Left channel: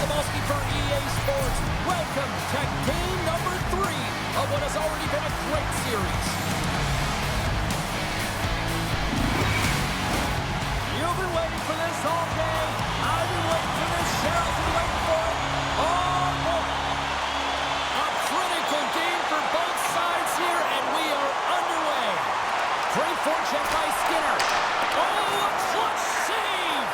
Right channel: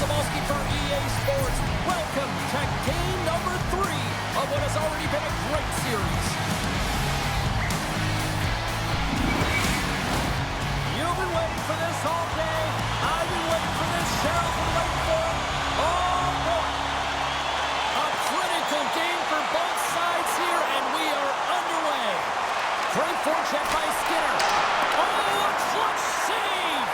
Sabalski for EA Sports. Welcome to game number 3 of what has already been a great series. You've been waiting for this all day. I've been waiting for this. Cheryl's been waiting for it. Oh, boy. A critical game for both sides here, and we are underway. Great forecheck by Skinner. Oh, a clutch save!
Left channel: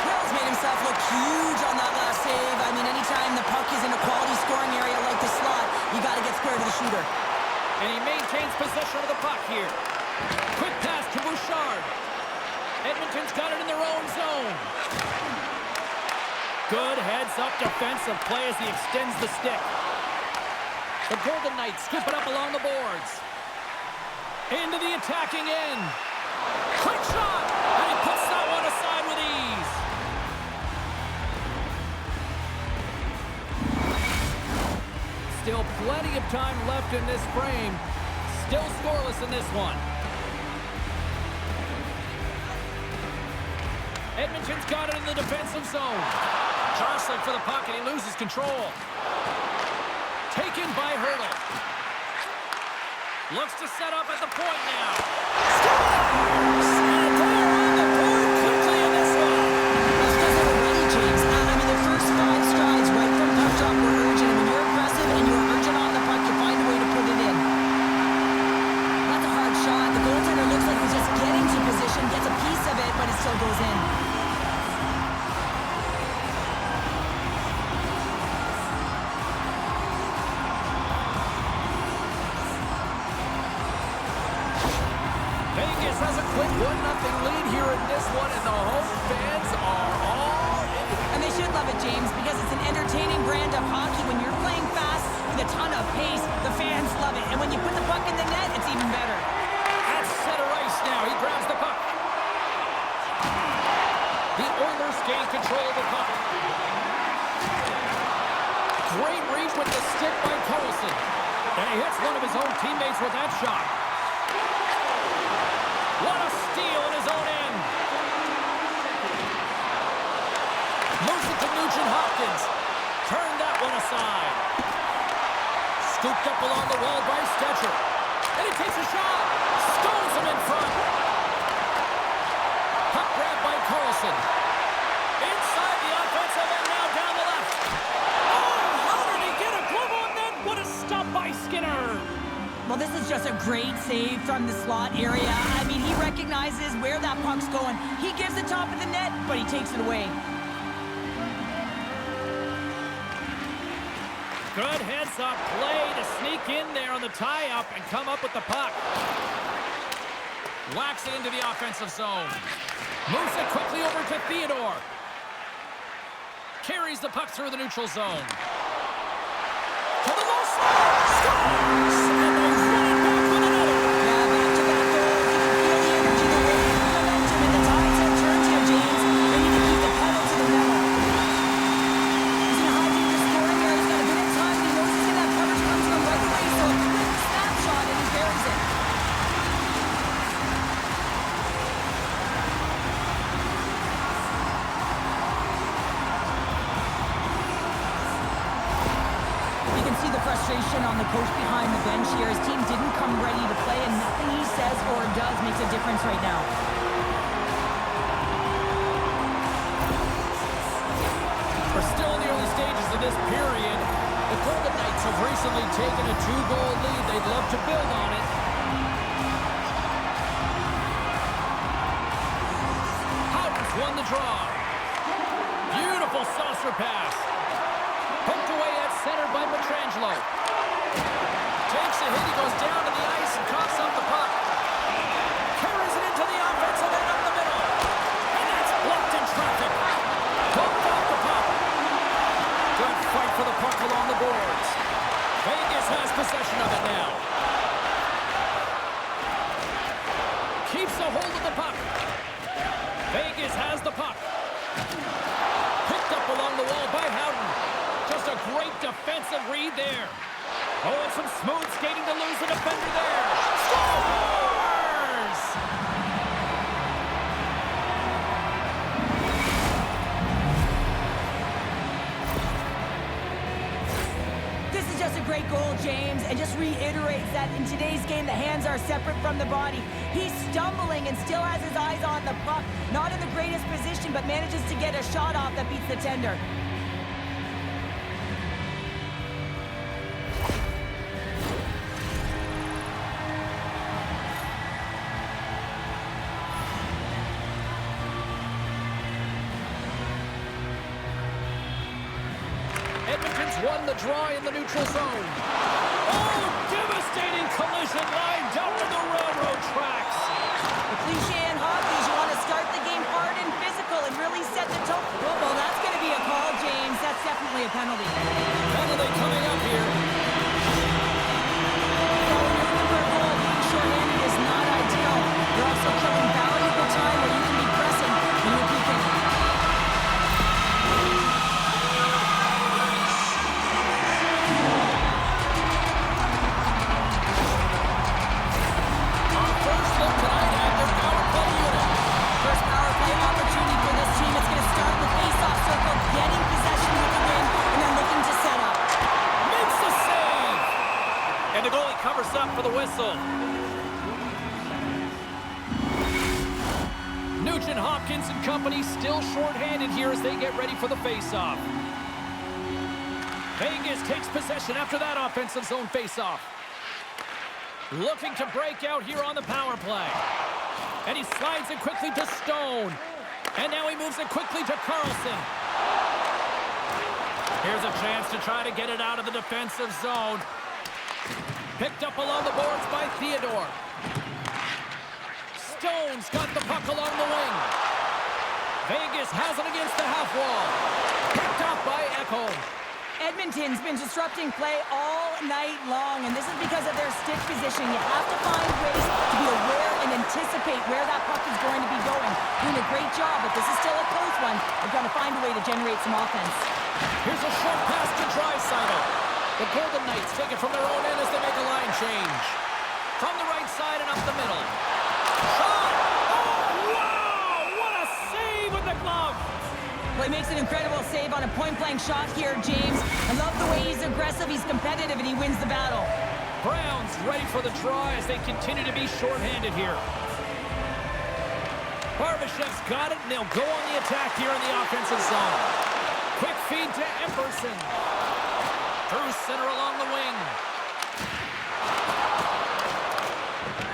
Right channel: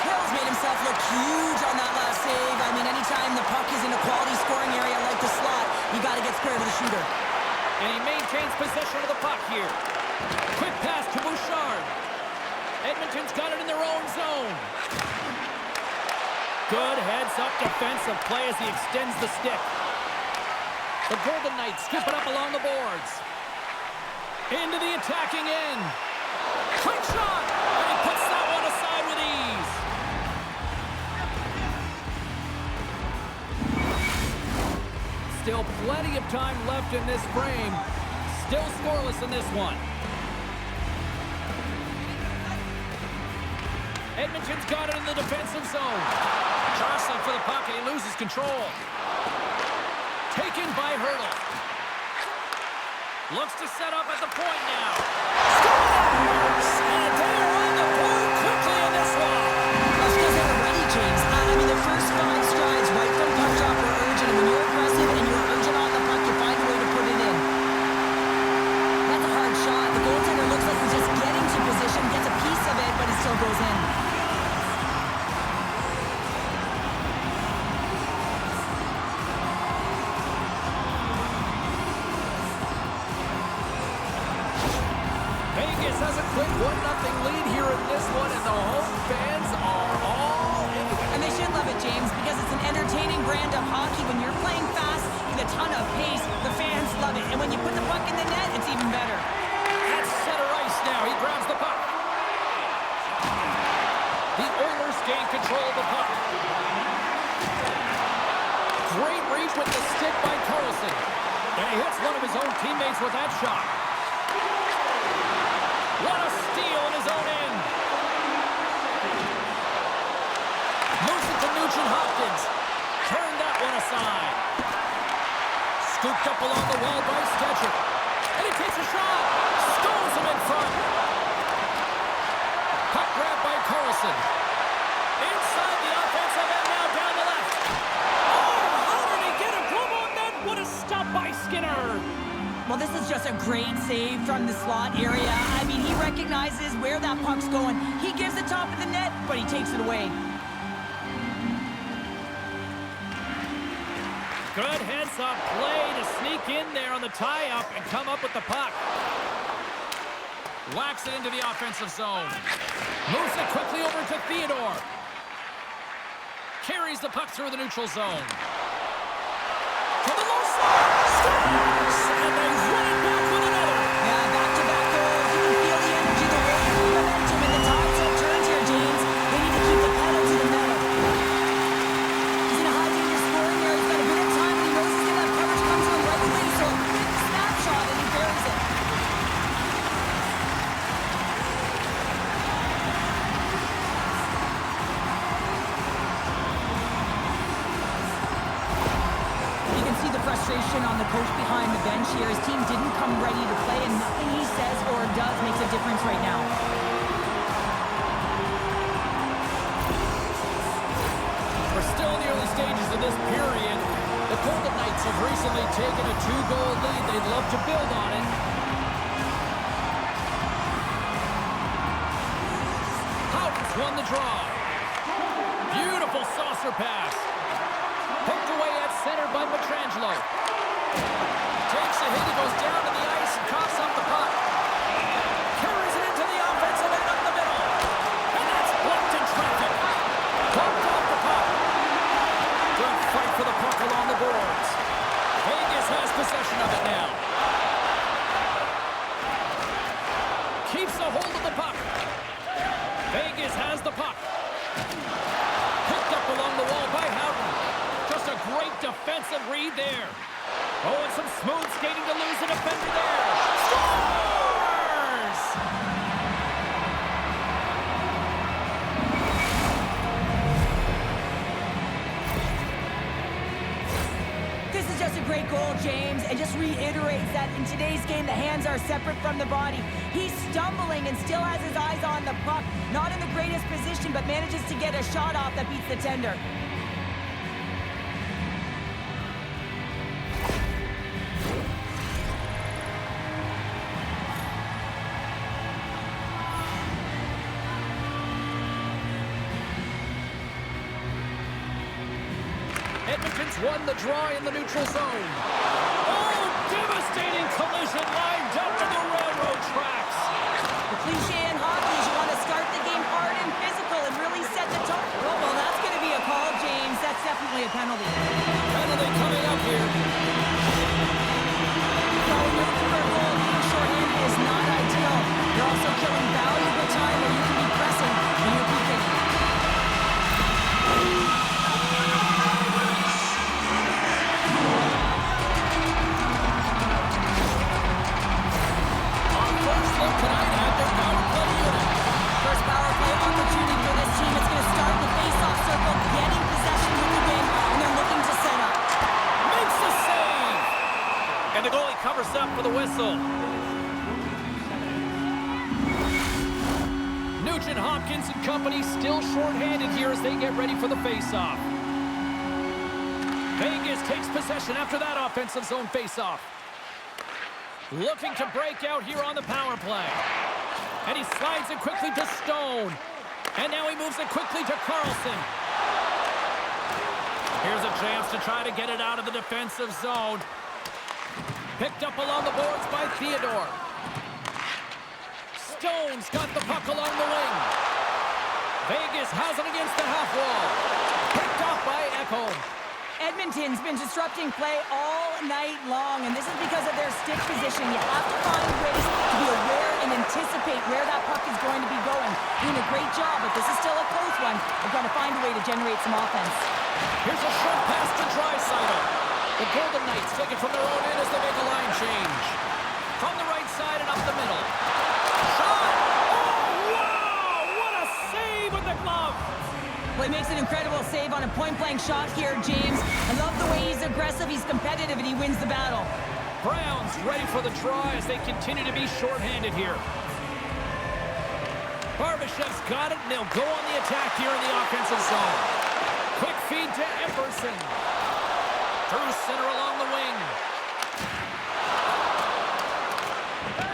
Hill's made himself look huge on that last save. I mean, anytime the puck is in a quality scoring area like the slot, you got to get square to the shooter. And he maintains possession of the puck here. Quick pass to Bouchard. Edmonton's got it in their own zone. Good heads-up defensive play as he extends the stick. The Golden Knights skip it up along the boards. Into the attacking end. Quick shot! And he puts that one aside with ease. Still plenty of time left in this frame. Still scoreless in this one. Edmonton's got it in the defensive zone. Jostling for the puck, and he loses control. Taken by Hurdle. Looks to set up at the point now. Scores! And they're on the board quickly in this one. That's because they were ready, James. I mean, the first 5 strides right from puck drop were urgent. And when you're aggressive and you're urgent on the puck, you find a way to put it in. That's a hard shot. The goaltender looks like he's just getting to position, gets a piece of it, but it still goes in. Vegas has a quick 1-0 lead here in this one, and the home fans are all into it. And they should love it, James, because it's an entertaining brand of hockey. When you're playing fast with a ton of pace, the fans love it. And when you put the puck in the net, it's even better. At center ice now, he grabs the puck. The Oilers gain control of the puck. Great reach with the stick by Carlson. And he hits one of his own teammates with that shot. What a steal in his own end. Moves it to Nugent-Hopkins. Turned that one aside. Scooped up along the wall by Stetcher. And he takes a shot. Stones him in front. Puck grabbed by Carlson. Inside the offensive end, now down the left. Oh, how did he get a glove on that? What a stop by Skinner. Well, this is just a great save from the slot area. I mean, he recognizes where that puck's going. He gives the top of the net, but he takes it away. Good heads-up play to sneak in there on the tie-up and come up with the puck. Whacks it into the offensive zone. Moves it quickly over to Theodore. Carries the puck through the neutral zone. To the low slot. Scores! And they run it back with another. Yeah, back-to-back goals. You can feel the energy, the wave, the momentum, and the tides have turned here, James. They need to keep the pedal to the metal. He's in a high-danger scoring area. He's got a bit of time, and he knows he's going to have coverage come to him right away, so a quick snapshot, and he buries it. See the frustration on the coach behind the bench here. His team didn't come ready to play, and nothing he says or does makes a difference right now. We're still in the early stages of this period. The Golden Knights have recently taken a 2-goal lead. They'd love to build on it. Houghton's won the draw. Beautiful saucer pass. Hooked away at center by Pietrangelo. Takes a hit, he goes down to the ice and coughs up the puck. Carries it into the offensive end up the middle. And that's blocked in traffic. Bumped off the puck. Good fight for the puck along the boards. Vegas has possession of it now. Keeps a hold of the puck. Vegas has the puck. Picked up along the wall by Houghton. Just a great defensive read there. Oh, and some smooth skating to lose the defender there. Scores! just a great goal, James, and just reiterates that in today's game, the hands are separate from the body. He's stumbling and still has his eyes on the puck. Not in the greatest position, but manages to get a shot off that beats the tender. Edmonton's won the draw in the neutral zone. Oh, devastating collision lined up to the railroad tracks. The cliche in hockey is you want to start the game hard and physical and really set the tone. Well, that's going to be a call, James. That's definitely a penalty. Penalty coming up here. So when you're looking for a goal, being shorthanded is not ideal. You're also killing valuable time where you can be pressing when you're peeking. Look tonight at their power play unit. First power play opportunity for this team. It's going to start in the face-off circle, getting possession with the win, and then looking to set up. Makes the save. And the goalie covers up for the whistle. Nugent Hopkins and company still shorthanded here as they get ready for the face-off. Vegas takes possession after that offensive zone face-off. Looking to break out here on the power play. And he slides it quickly to Stone. And now he moves it quickly to Carlson. Here's a chance to try to get it out of the defensive zone. Picked up along the boards by Theodore. Stone's got the puck along the wing. Vegas has it against the half wall. Picked off by Ekholm. Edmonton's been disrupting play all night long, and this is because of their stick position. You have to find ways to be aware and anticipate where that puck is going to be going. Doing a great job, but this is still a close one. They've got to find a way to generate some offense. Here's a short pass to Draisaitl. The Golden Knights take it from their own end as they make a line change. From the right side and up the middle. Shot! Oh, wow! What a save with the glove! Well, he makes an incredible save on a point-blank shot here, James. I love the way he's aggressive, he's competitive, and he wins the battle. Browns ready for the draw as they continue to be shorthanded here. Barbashev's got it, and they'll go on the attack here in the offensive zone. Quick feed to Emerson. Through center along the wing.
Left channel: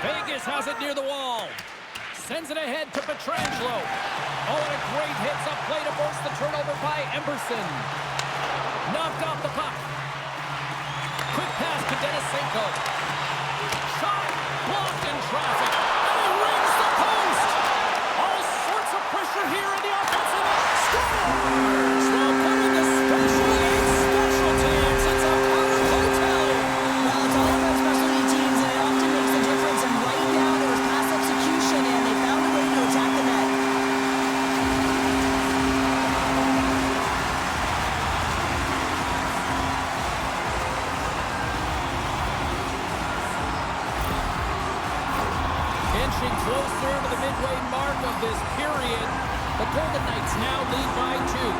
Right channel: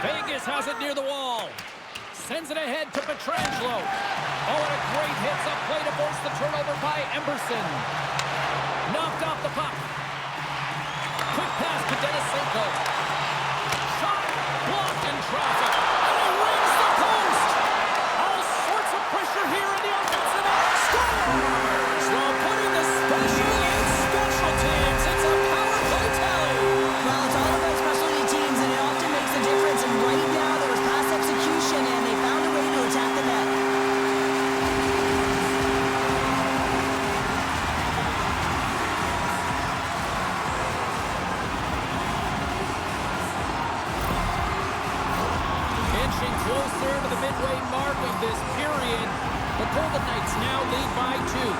Vegas has it near the wall. Sends it ahead to Pietrangelo. Oh, and a great hits up play to force the turnover by Emerson. Knocked off the puck. Quick pass to Denisenko. Shot blocked in traffic. And he rings the post. All sorts of pressure here in the offensive end. Scores while putting the special in special teams. It's a power play tally. Well, it's all about specialty teams, and it often makes a difference. And right now, there was pass execution, and they found a way to attack the net. Inching closer to the midway mark of this period, the Golden Knights now lead by 2.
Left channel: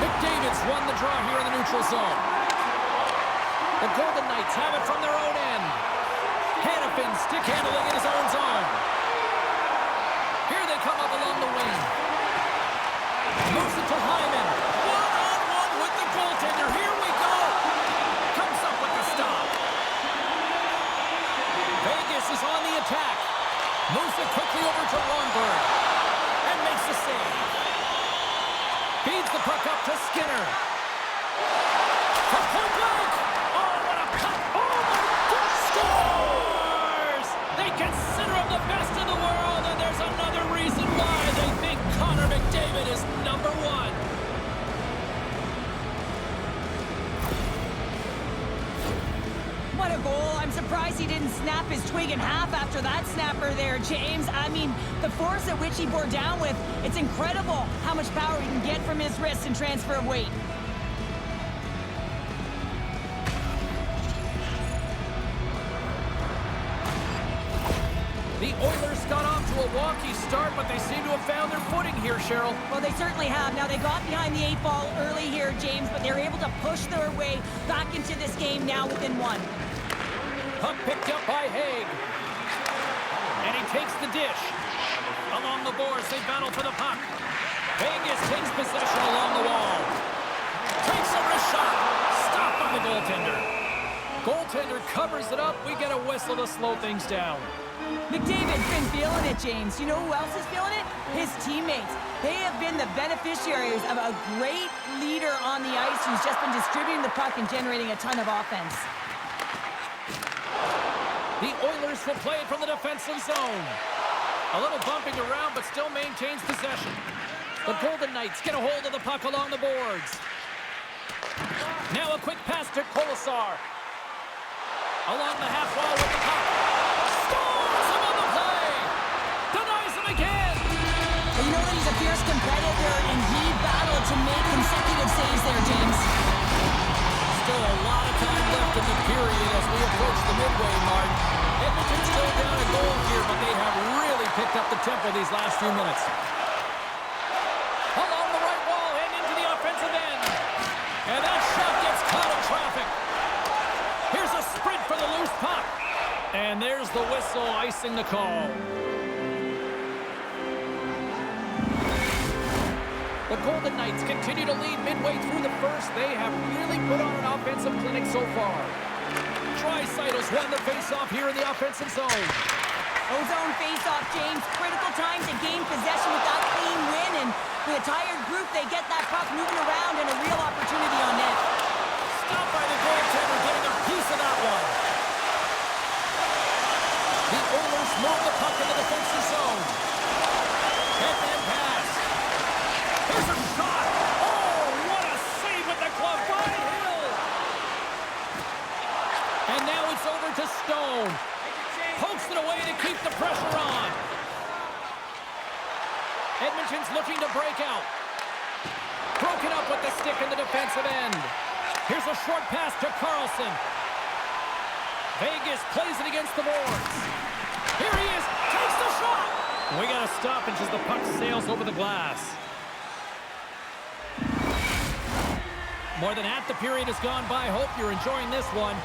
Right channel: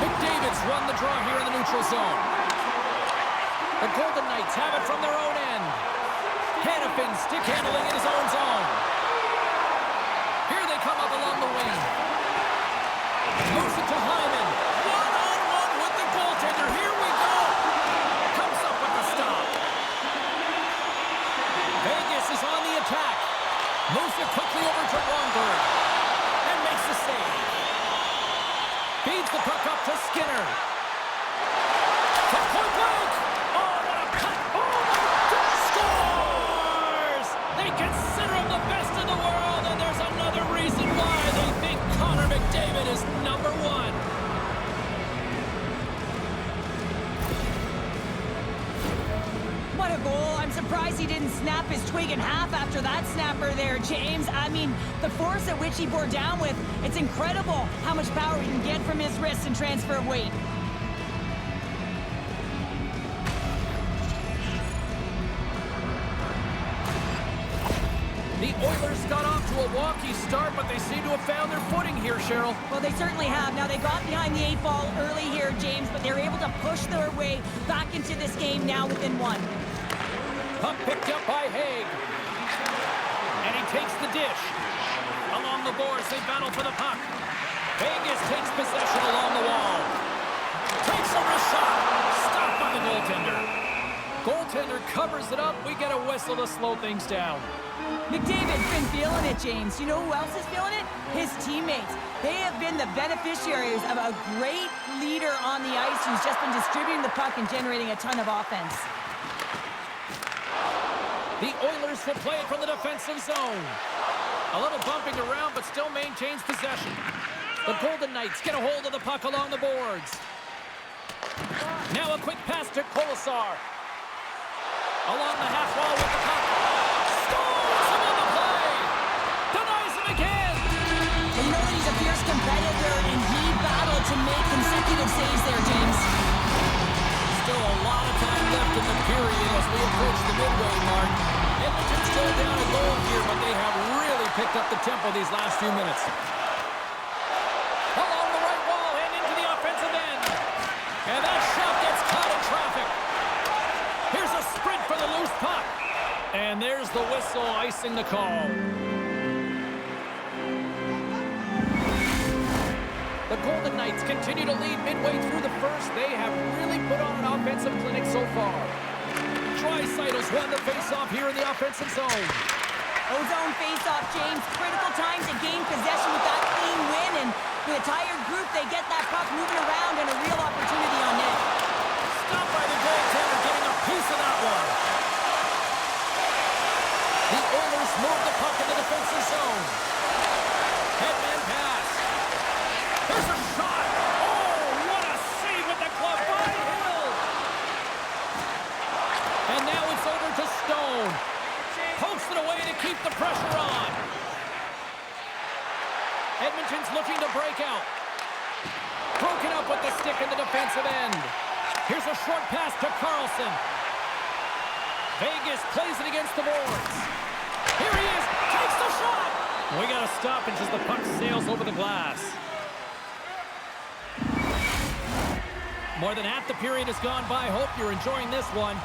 McDavid's won the draw here in the neutral zone. The Golden Knights have it from their own end. Hanifin stick handling in his own zone. Here they come up along the wing. Moves it to Hyman. One-on-one with the goaltender. Here we go. Comes up with the stop. Vegas is on the attack. Moves it quickly over to Ronberg. And makes the save. Feeds the puck up to Skinner. From point blank. Oh, what a cut. Oh, my God. Scores! They consider him the best in the world, and there's another reason why they think Connor McDavid is number 1. What a goal. I'm surprised he didn't snap his twig in half after that snapper there, James. I mean, the force at which he bore down with, it's incredible how much power he can get from his wrist and transfer of weight. The Oilers got off to a wonky start, but they seem to have found their footing here, Cheryl. Well, they certainly have. Now, they got behind the 8 ball early here, James, but they're able to push their way back into this game now within 1. Puck picked up by Haig. And he takes the dish. Along the boards, they battle for the puck. Vegas takes possession along the wall. Takes a wrist shot. Stopped by the goaltender. Goaltender covers it up. We get a whistle to slow things down. McDavid's been feeling it, James. You know who else is feeling it? His teammates. They have been the beneficiaries of a great leader on the ice who's just been distributing the puck and generating a ton of offense. The Oilers will play it from the defensive zone. A little bumping around, but still maintains possession. The Golden Knights get a hold of the puck along the boards. Now a quick pass to Kolesar. Along the half wall with the puck. Stones him on the play. Denies him again. Well, you know that he's a fierce competitor, and he battled to make consecutive saves there, James. Still a lot of time left in the period as we approach the midway mark. Edmonton's still down a goal here, but they have really picked up the tempo these last few minutes. Along the right wall and into the offensive end. And that shot gets caught in traffic. Here's a sprint for the loose puck. And there's the whistle icing the call. The Golden Knights continue to lead midway through the first. They have really put on an offensive clinic so far. Draisaitl's won the faceoff here in the offensive zone. Zone faceoff, James. Critical time to gain possession with that clean win, and with a tired group, they get that puck moving around and a real opportunity on net. Stopped by the goaltender, getting a piece of that one. The Oilers move the puck in the defensive zone. Headman pass. Here's a shot. Oh, what a save with the glove by Hill. And now it's over to Stone. Pokes it away to keep the pressure on. Edmonton's looking to break out. Broken up with the stick in the defensive end. Here's a short pass to Carlson. Vegas plays it against the boards. Here he is. Takes the shot. We got a stoppage as the puck sails over the glass. More than half the period has gone by. Hope you're enjoying this one.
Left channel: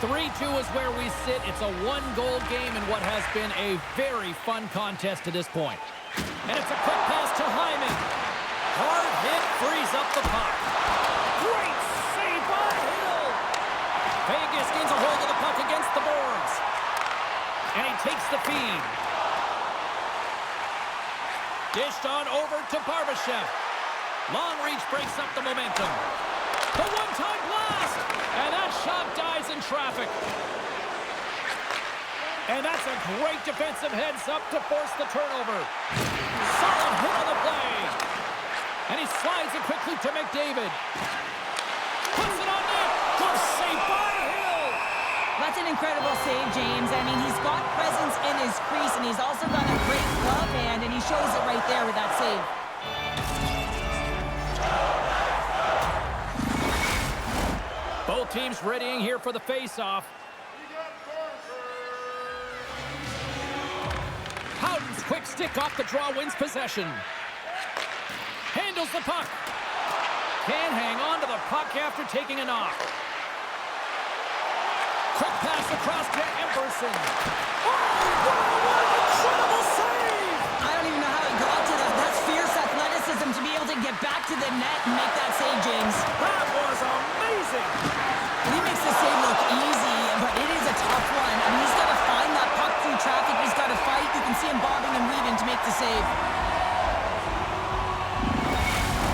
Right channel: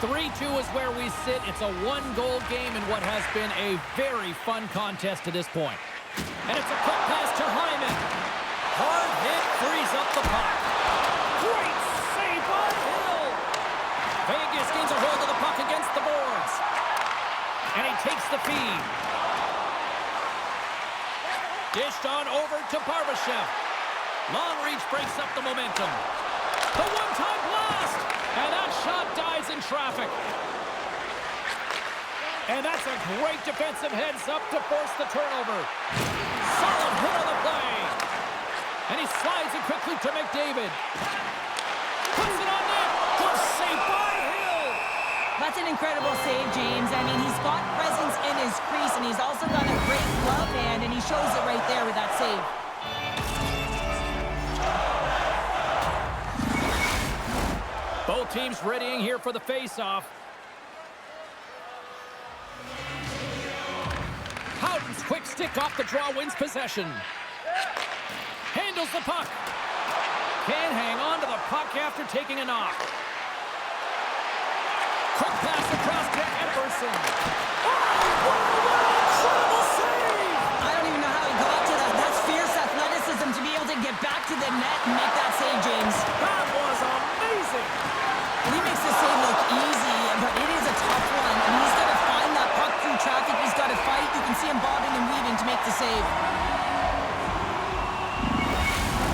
3-2 is where we sit. It's a one-goal game in what has been a very fun contest to this point. And it's a quick pass to Hyman. Hard hit, frees up the puck. Great save by Hill. Vegas gains a hold of the puck against the boards. And he takes the feed. Dished on over to Barbashev. Long reach breaks up the momentum. The one-time blast! And that shot dies in traffic. And that's a great defensive heads-up to force the turnover. Solid hit on the play. And he slides it quickly to McDavid. Puts it on net. Good save by Hill. That's an incredible save, James. I mean, he's got presence in his crease, and he's also got a great glove hand, and he shows it right there with that save. Both teams readying here for the face-off. Howden's quick stick off the draw wins possession. Handles the puck. Can't hang on to the puck after taking a knock. Quick pass across to Epperson. Oh, what an incredible save! I don't even know how he got to that. That's fierce athleticism to be able to get back to the net and make that save, James. That was amazing! He makes the save look easy, but it is a tough one. I mean, he's got to find that puck through traffic. He's got to fight. You can see him bobbing and weaving to make the save.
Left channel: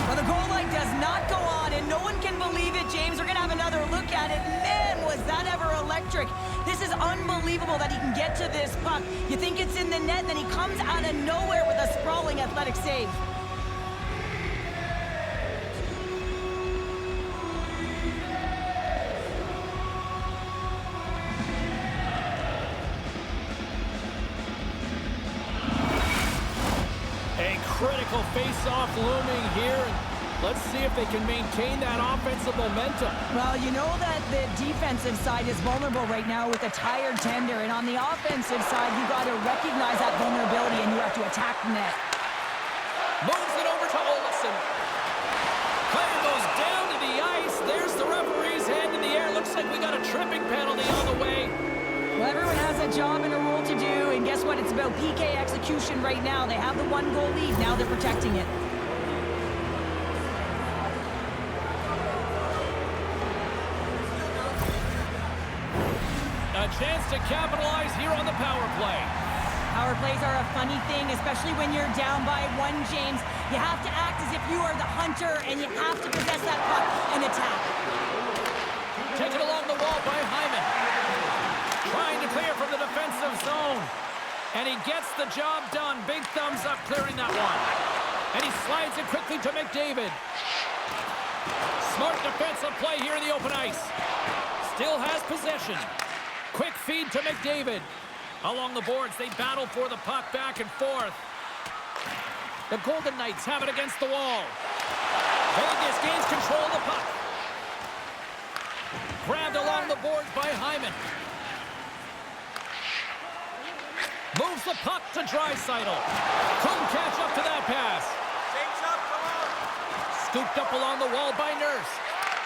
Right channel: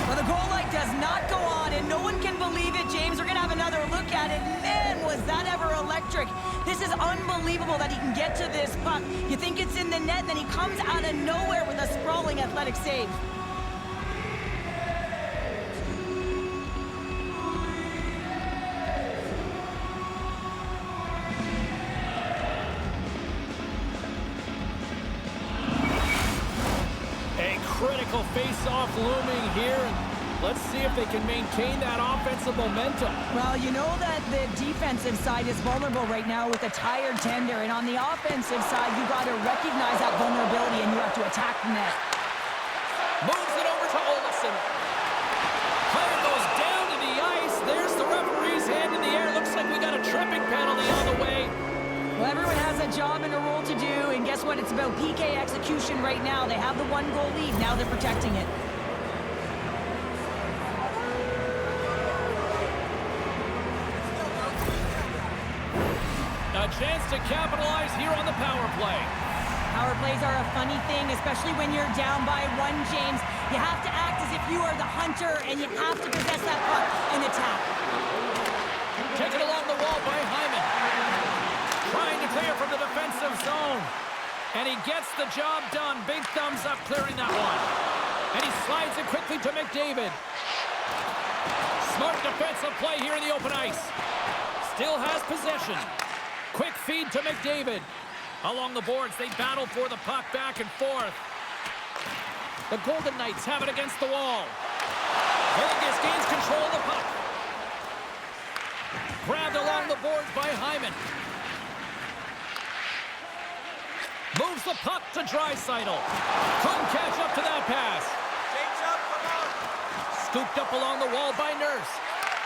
Well, the goal line does not go on, and no one can believe it, James. We're going to have another look at it. Man, was that ever electric. This is unbelievable that he can get to this puck. You think it's in the net, and then he comes out of nowhere with a sprawling athletic save. A critical face-off looming here. Let's see if they can maintain that offensive momentum. Well, you know that the defensive side is vulnerable right now with a tired tender, and on the offensive side, you got to recognize that vulnerability and you have to attack the net. Moves it over to Olsen. Player goes down to the ice. There's the referee's hand in the air. Looks like we got a tripping penalty on the way. Well, everyone has a job and a role to do, and guess what? It's about PK execution right now. They have the 1-goal lead. Now they're protecting it. A chance to capitalize here on the power play. Power plays are a funny thing, especially when you're down by 1, James. You have to act as if you are the hunter, and you have to possess that puck and attack. Taken along the wall by Hyman. Trying to clear from the defensive zone. And he gets the job done. Big thumbs up clearing that one. And he slides it quickly to McDavid. Smart defensive play here in the open ice. Still has possession. Quick feed to McDavid. Along the boards, they battle for the puck back and forth. The Golden Knights have it against the wall. Vegas gains control of the puck. Grabbed along the boards by Hyman. Moves the puck to Draisaitl. Couldn't catch up to that pass. Change up, come on. Scooped up along the wall by Nurse.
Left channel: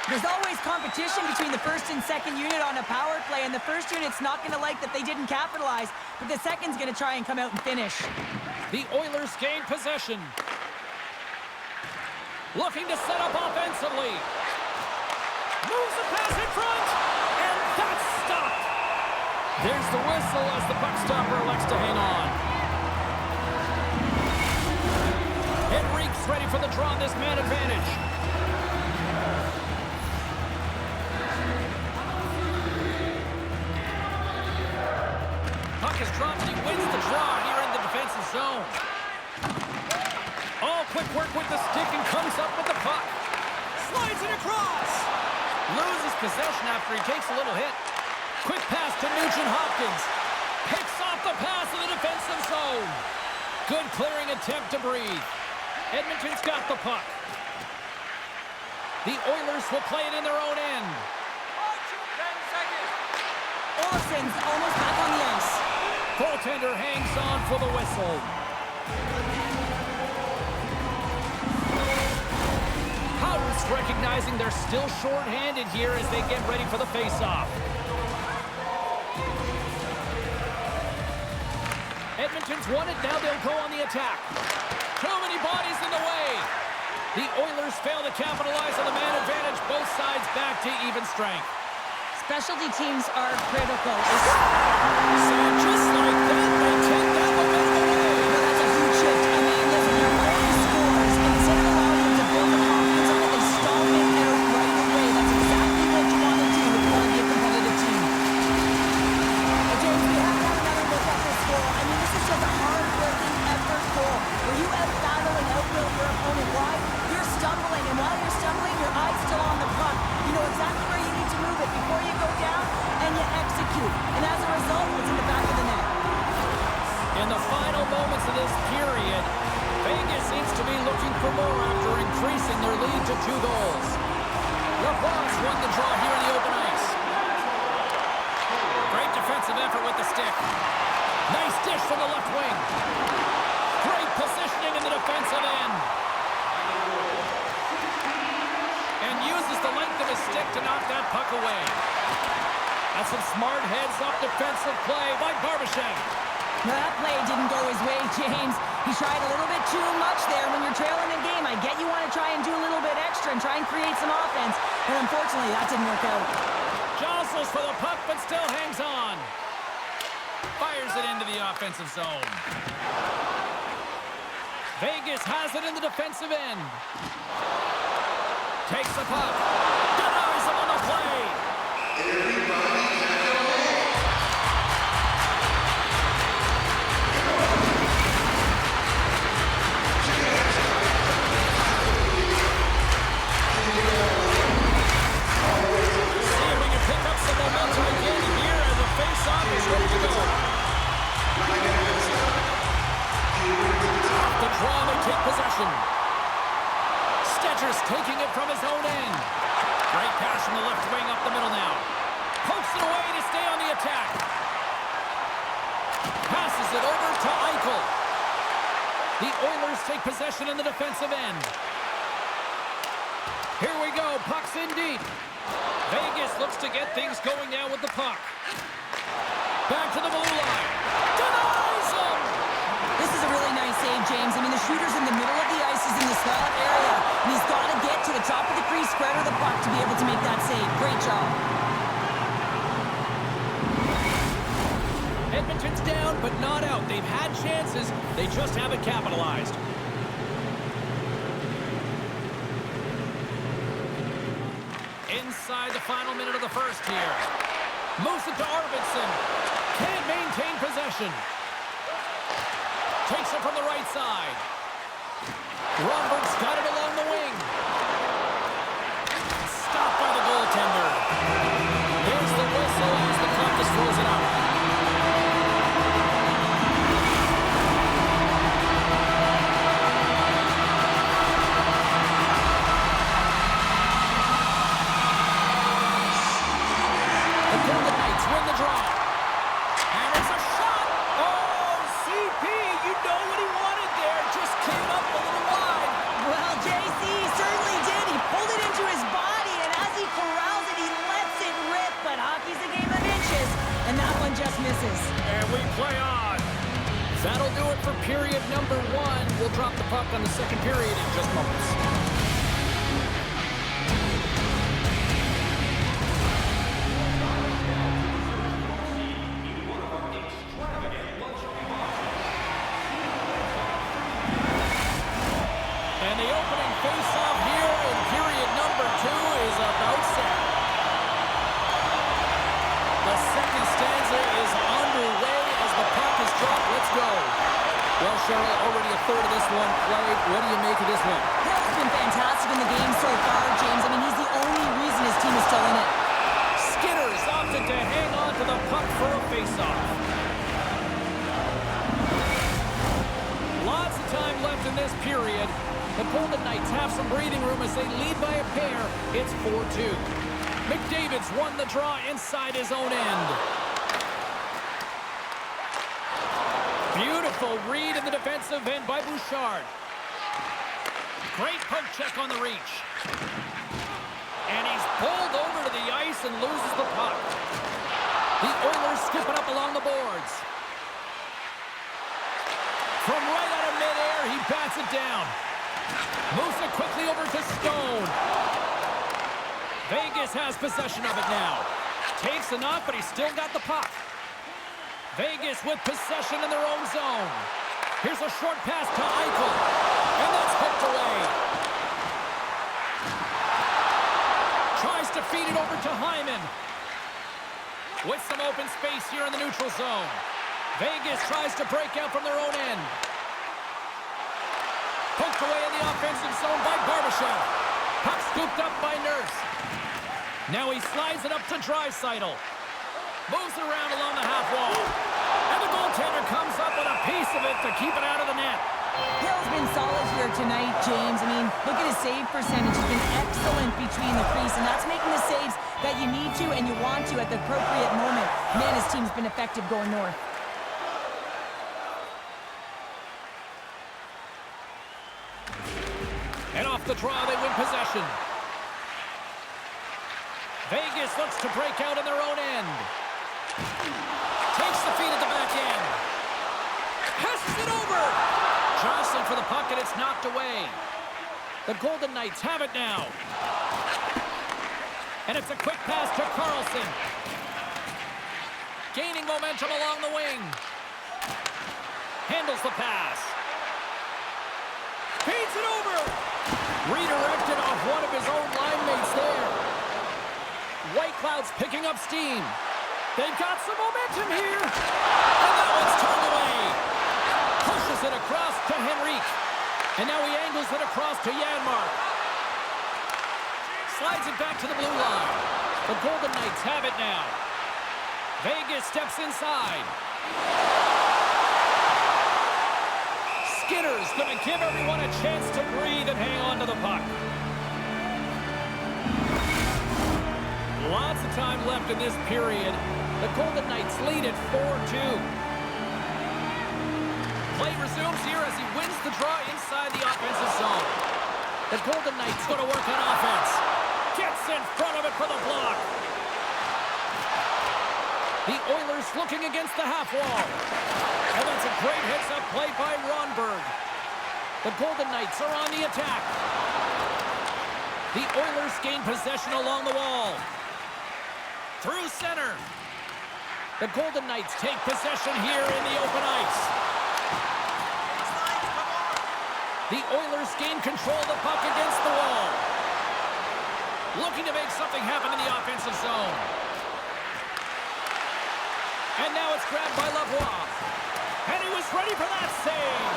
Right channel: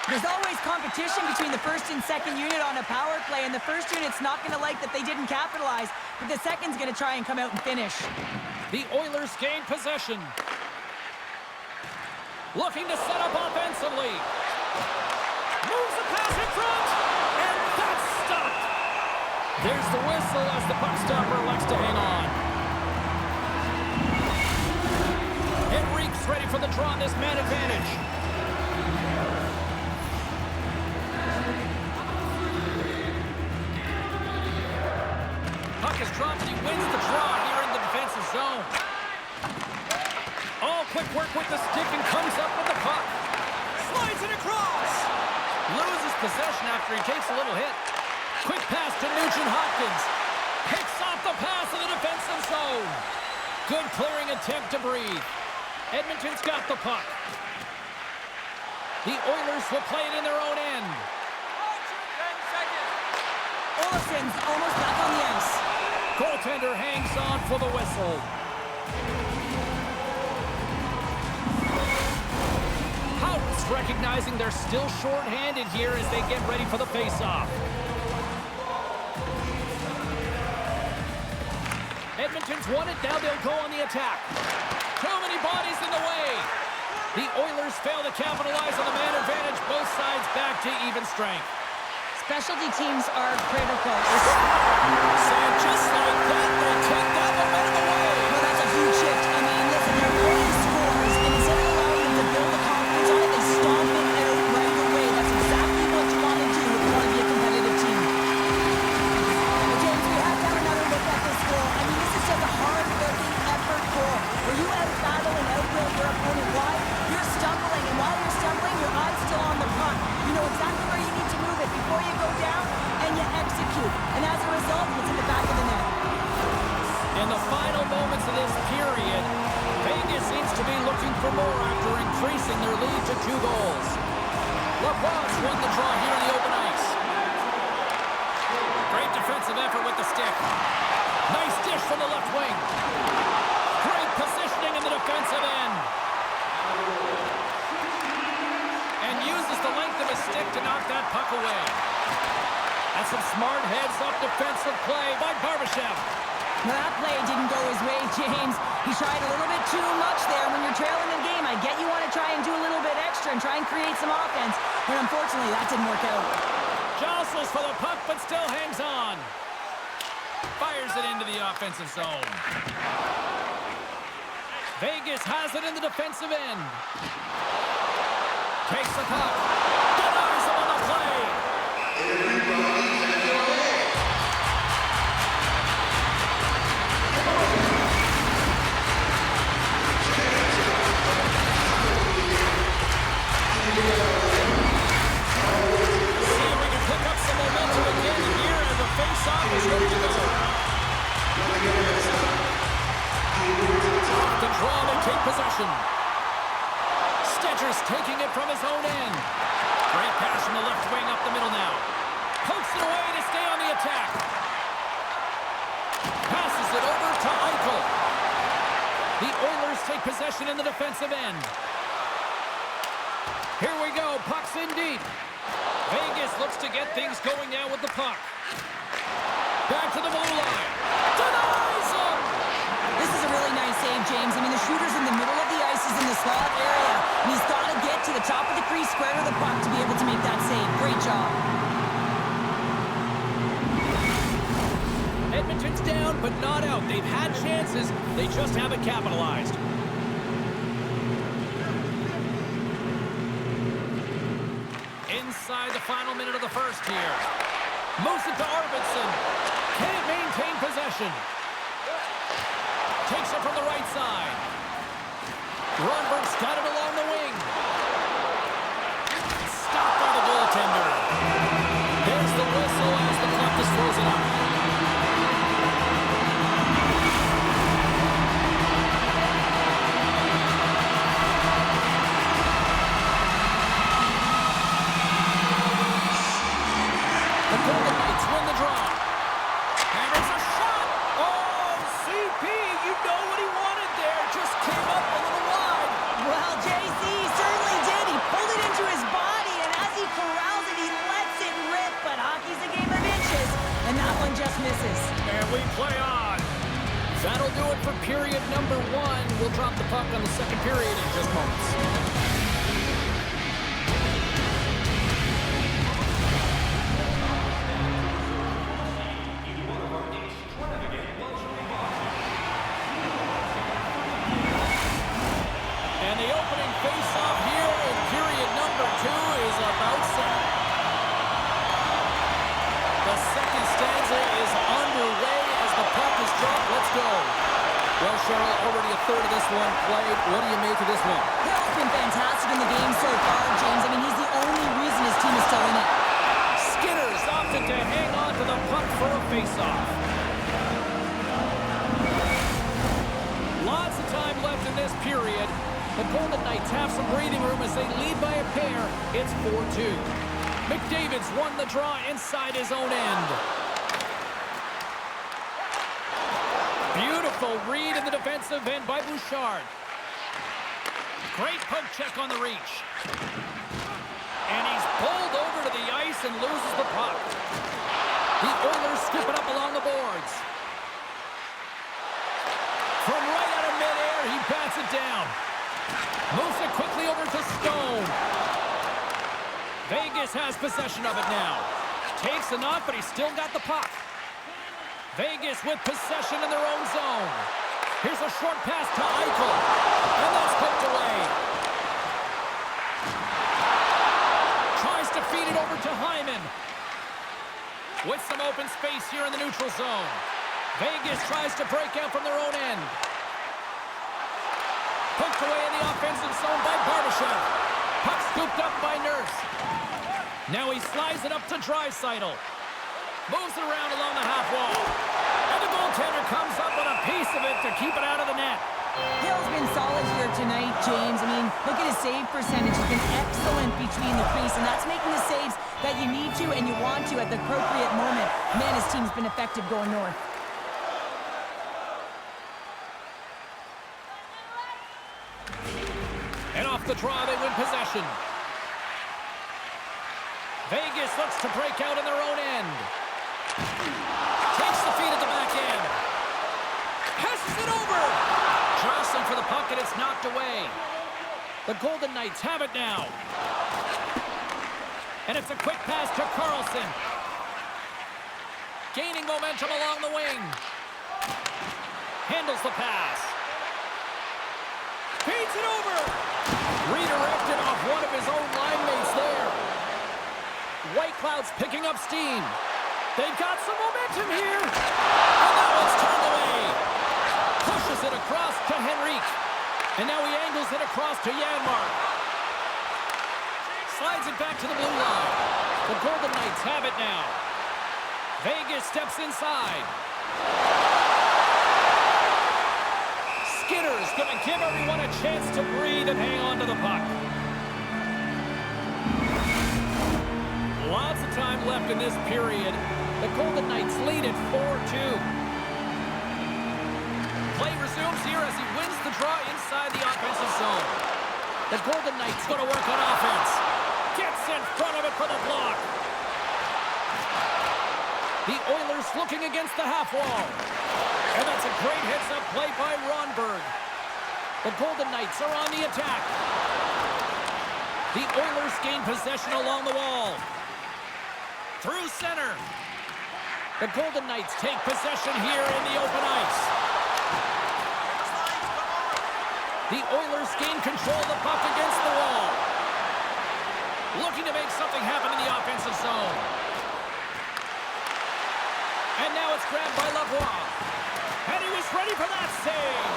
There's always competition between the first and second unit on a power play, and the first unit's not going to like that they didn't capitalize, but the second's going to try and come out and finish. The Oilers gain possession. Looking to set up offensively. Moves the pass in front, and that's stopped. There's the whistle as the puck stopper elects to hang on. Henrique's ready for the draw on this man advantage. Puck is dropped and he wins the draw here in the defensive zone. All quick work with the stick and comes up with the puck. Slides it across. Loses possession after he takes a little hit. Quick pass to Nugent-Hopkins. Picks off the pass in the defensive zone. Good clearing attempt to breathe. Edmonton's got the puck. The Oilers will play it in their own end. 10 seconds. Olsen's almost back on the ice. Goaltender hangs on for the whistle. Howard's recognizing they're still short-handed here as they get ready for the face-off. Edmonton's won it, now they'll go on the attack. Too many bodies in the way. The Oilers fail to capitalize on the man advantage. Both sides back to even strength. Specialty teams are critical. And just like that, they take that momentum away. Well, that's a huge shift. I mean, listen, their opponent scores, and instead of allowing them to build the confidence on it, they stomp it out right away. That's exactly what you want to do if you want to be a competitive team. Well, James, we have to have another look at this goal. I mean, this is just a hard-working effort goal where you out-battle and out-will your opponent. Why? You're stumbling, and while you're stumbling, your eye's still on the puck. You know exactly where you need to move it before you go down, and you execute. And as a result, it's in the back of the net. In the final moments of this period, Vegas seems to be looking for more after increasing their lead to 2 goals. LaPlace won the draw here in the open ice. Great defensive effort with the stick. Nice dish from the left wing. Great positioning in the defensive end. And uses the length of his stick to knock that puck away. That's some smart heads-up defensive play by Barbashev. Well, that play didn't go his way, James. He tried a little bit too much there. When you're trailing in game, I get you want to try and do a little bit extra and try and create some offense, but unfortunately, that didn't work out. Jostles for the puck, but still hangs on. Fires it into the offensive zone. Vegas has it in the defensive end. Takes the puck. Denies him on the play. Everybody get your man. See if we can pick up some momentum again here as the face-off is ready to go. Off the draw, they take possession. Stetcher's taking it from his own end. Great pass from the left wing up the middle now. Pokes it away to stay on the attack. Passes it over to Eichel. The Oilers take possession in the defensive end. Here we go. Puck's in deep. Vegas looks to get things going now with the puck. Back to the blue line. Denies him! This is a really nice save, James. I mean, the shooter's in the middle of the ice. He's in the slot area, and he's got to get to the top of the crease, square to the puck to be able to make that save. Great job. Edmonton's down, but not out. They've had chances. They just haven't capitalized. Inside the final minute of the first here. Moves it to Arvidsson. Can't maintain possession. Takes it from the right side. Ronberg's got it along the wing. Stopped by the goaltender. There's the whistle as the puck is frozen up. The Golden Knights win the draw. Hammers a shot. Oh, CP, you know what he wanted there. Just came up a little wide. Well, JC certainly did. He pulled it into his body, and as he corrals it, he lets it rip. But hockey's a game of inches, and that one just misses. And we play on. That'll do it for period number 1. We'll drop the puck on the second period in just moments. And the opening face-off here in period number 2 is about set. The second stanza is underway as the puck is dropped. Let's go. Well, Cheryl, already a third of this one played. What do you make of this one? Hill's been fantastic in the game so far, James. I mean, he's the only reason his team is still in it. Skinner's opted to hang on to the puck for a face-off. Lots of time left in this period. The Golden Knights have some breathing room as they lead by a pair. It's 4-2. McDavid's won the draw inside his own end. Beautiful read in the defensive end by Bouchard. Great poke check on the reach. And he's bowled over to the ice and loses the puck. The Oilers scoop it up along the boards. From right out of midair, he bats it down. Moves it quickly over to Stone. Vegas has possession of it now. Takes enough, but he's still got the puck. Vegas with possession in their own zone. Here's a short pass to Eichel. And that's poked away. Tries to feed it over to Hyman. With some open space here in the neutral zone. Vegas tries to break out from their own end. Poked away in the offensive zone by Barbashev. Puck scooped up by Nurse. Now he slides it up to Draisaitl. Moves it around along the half wall. And the goaltender comes up with a piece of it to keep it out of the net. Hill's been solid here tonight, James. I mean, look at his save percentage. He's been excellent between the crease, and that's making the saves that you need to and you want to at the appropriate moment. Man, his team's been effective going north. And off the draw, they win possession. Vegas looks to break out in their own end. Takes the feed at the back end. Passes it over. Jostling for the puck, and it's knocked away. The Golden Knights have it now. And it's a quick pass to Carlson. Gaining momentum along the wing. Handles the pass. Feeds it over. Redirected off one of his own line mates there. White Cloud's picking up steam. They've got some momentum here. And that one's turned away. Pushes it across to Henrique. And now he angles it across to Janmark. Slides it back to the blue line. The Golden Knights have it now. Vegas steps inside. Skinner's going to give everyone a chance to breathe and hang on to the puck. Lots of time left in this period. The Golden Knights lead at 4-2. Play resumes here as he wins the draw inside the offensive zone. The Golden Knights going to work on offense. Gets in front of it for the block. The Oilers looking against the half wall. And that's a great heads-up play by Ronberg. The Golden Knights are on the attack. The Oilers gain possession along the wall. Through center. The Golden Knights take possession here in the open ice. The Oilers gain control of the puck against the wall. Looking to make something happen in the offensive zone. And now it's grabbed by Lavoie. And he was ready for that save.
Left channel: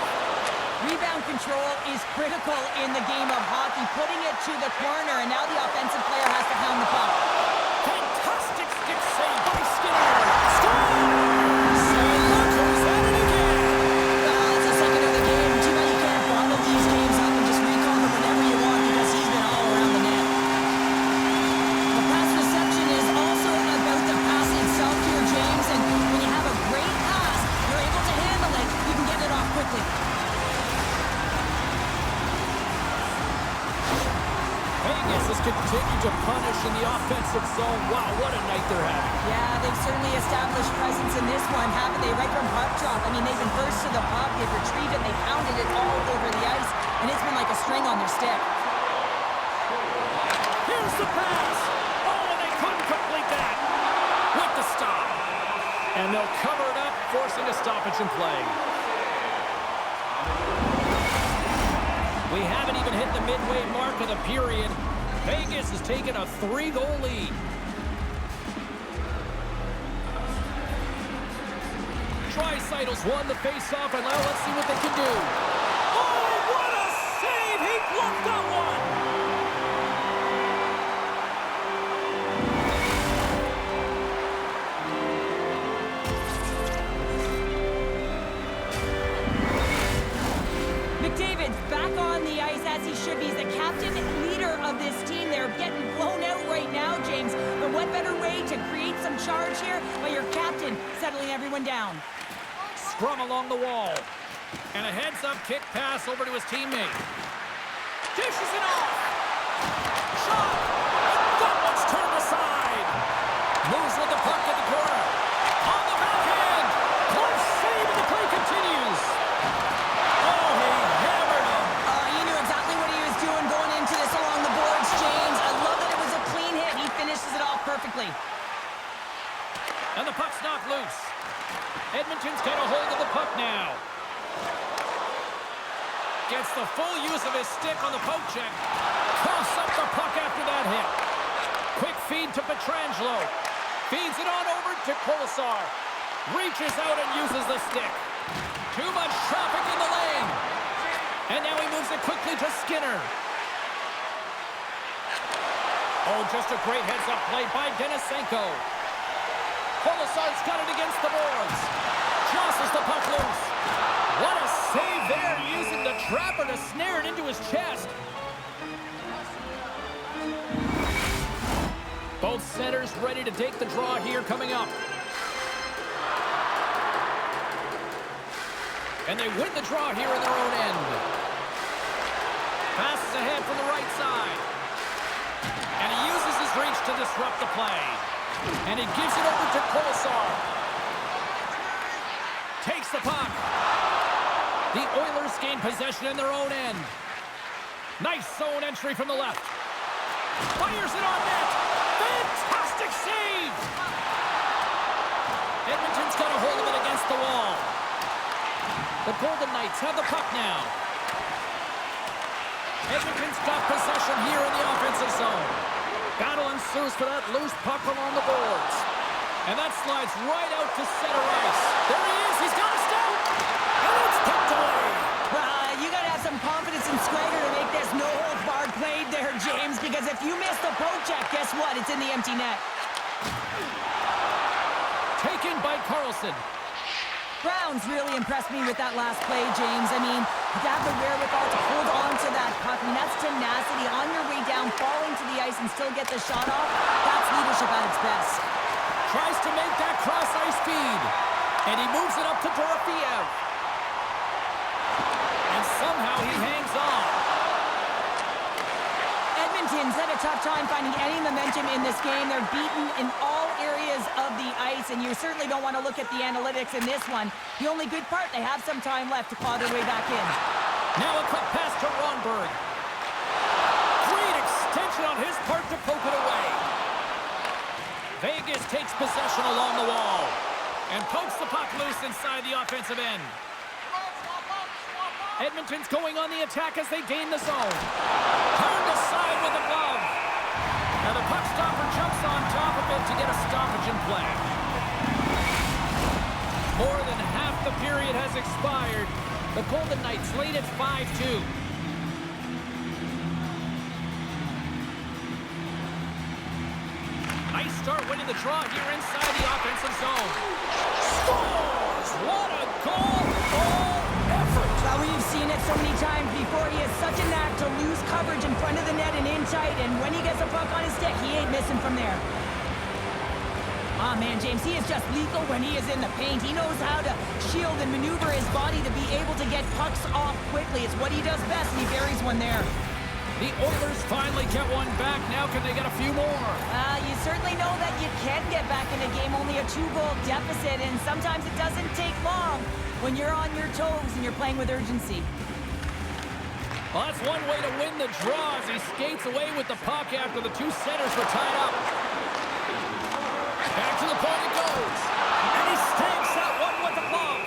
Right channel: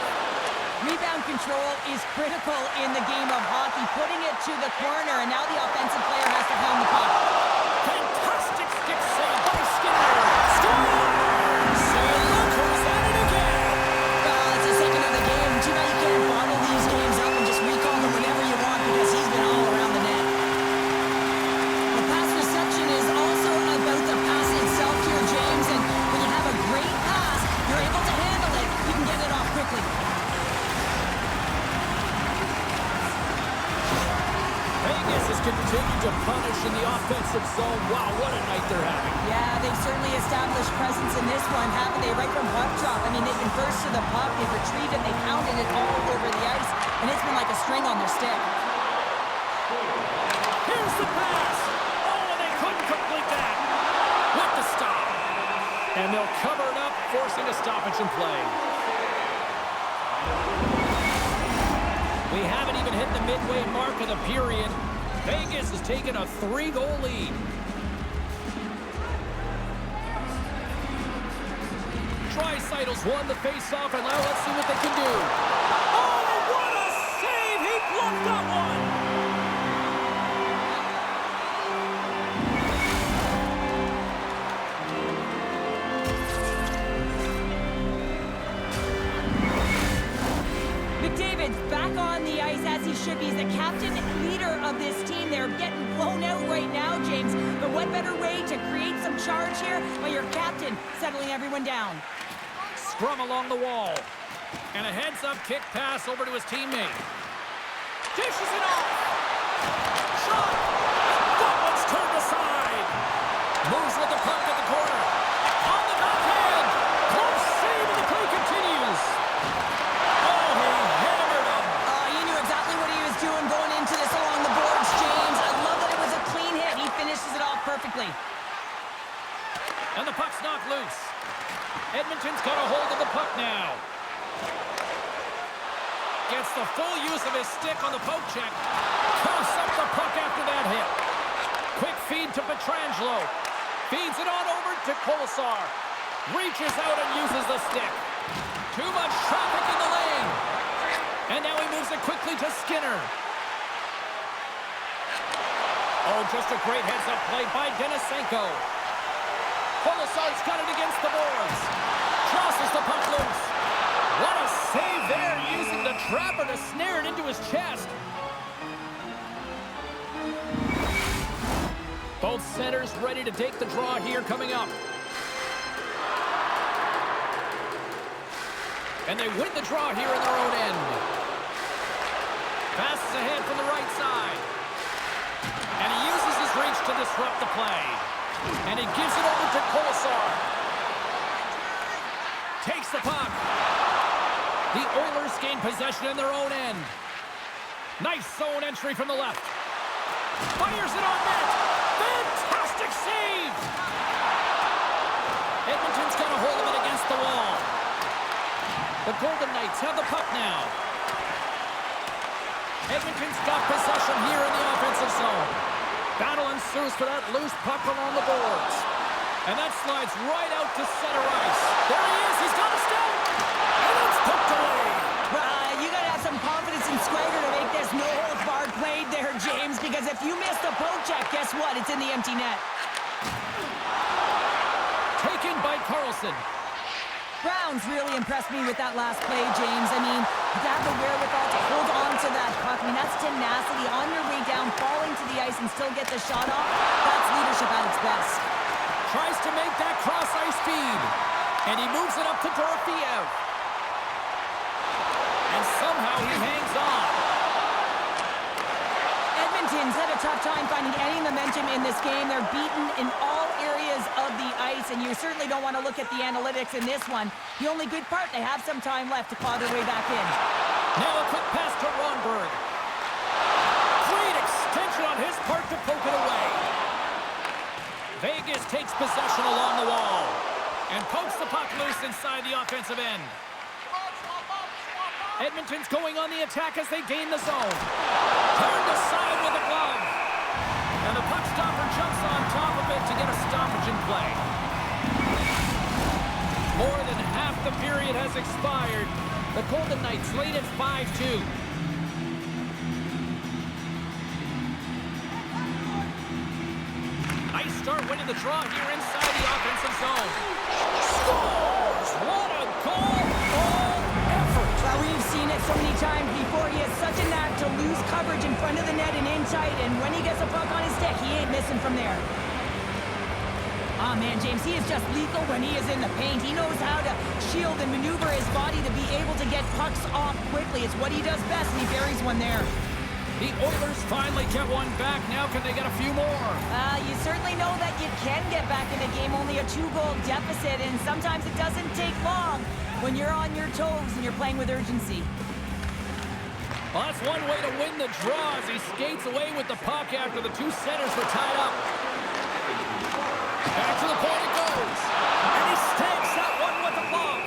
Rebound control is critical in the game of hockey, putting it to the corner, and now the offensive player has to hound the puck. Fantastic stick save by Skinner. Scores! And look who's at it again. Well, it's the second of the game. Too bad you can't bottle these games up and just recall them whenever you want, because he's been all around the net. The pass reception is also about the pass itself here, James, and when you have a great pass, you're able to handle it. You can get it off quickly. Vegas has continued to punish in the offensive zone. Wow, what a night they're having. Yeah, they've certainly established presence in this one, haven't they? Right from puck drop. I mean, they've been first to the puck, they've retrieved it, they've pounded it all over the ice, and it's been like a string on their stick. Here's the pass. Oh, and they couldn't complete that. With the stop. And they'll cover it up, forcing a stoppage in play. We haven't even hit the midway mark of the period. Vegas has taken a 3-goal lead. Draisaitl's won the face-off, and now let's see what they can do. Oh, what a save! He blocked that one! McDavid's back on the ice as he should be. He's the captain and leader of this team. They're getting blown out right now, James. But what better way to create some charge here by your captain settling everyone down? Scrum along the wall. And a heads-up kick pass over to his teammate. Dishes it off. Shot. And that one's turned aside. Moves with the puck at the corner. On the backhand. Close save, and the play continues. Oh, he hammered him. He knew exactly what he was doing going into this along the boards, James. I love that it was a clean hit. He finishes it off perfectly. And the puck's knocked loose. Edmonton's got a hold of the puck now. Gets the full use of his stick on the poke check. Coughs up the puck after that hit. Quick feed to Pietrangelo. Feeds it on over to Kolesar. Reaches out and uses the stick. Too much traffic in the lane. And now he moves it quickly to Skinner. Oh, just a great heads-up play by Denisenko. Kolesar's got it against the boards. Jostles the puck loose. What a save there, using the trapper to snare it into his chest. Both centers ready to take the draw here coming up. And they win the draw here in their own end. Passes ahead from the right side. And he uses his reach to disrupt the play. And he gives it over to Kolesar. Takes the puck. The Oilers gain possession in their own end. Nice zone entry from the left. Fires it on net. Fantastic save. Edmonton's got a hold of it against the wall. The Golden Knights have the puck now. Edmonton's got possession here in the offensive zone. Battle ensues for that loose puck along the boards. And that slides right out to center ice. There he is. He's got a stop. And it's poked away. Well, you got to have some confidence and swagger to make this no-holds-barred play there, James, because if you miss the poke check, guess what? It's in the empty net. Taken by Carlson. Brown's really impressed me with that last play, James. I mean, But to have the wherewithal to hold on to that puck, I mean, that's tenacity on your way down, falling to the ice and still get the shot off. That's leadership at its best. Tries to make that cross-ice feed. And he moves it up to Dorofeev. And somehow he hangs on. Edmonton's had a tough time finding any momentum in this game. They're beaten in all areas of the ice, and you certainly don't want to look at the analytics in this one. The only good part, they have some time left to claw their way back in. Now a quick pass to Ronberg. Great extension on his part to poke it away. Vegas takes possession along the wall and pokes the puck loose inside the offensive end. Edmonton's going on the attack as they gain the zone. Turned aside with a glove. And the puck stopper jumps on top of it to get a stoppage in play. More than half the period has expired. The Golden Knights lead at 5-2. Nice start winning the draw here inside the offensive zone. Scores! What a goal! All effort! Well, we've seen it so many times before. He has such a knack to lose coverage in front of the net and in tight, and when he gets a puck on his stick, he ain't missing from there. Ah, man, James, he is just lethal when he is in the paint. He knows how to shield and maneuver his body to be able to get pucks off quickly. It's what he does best, and he buries one there. The Oilers finally get one back. Now can they get a few more? You certainly know that you can get back in a game, only a 2-goal deficit, and sometimes it doesn't take long when you're on your toes and you're playing with urgency. Well, that's one way to win the draw as he skates away with the puck after the two centers were tied up. Back to the point it goes. And he stakes that one with the glove.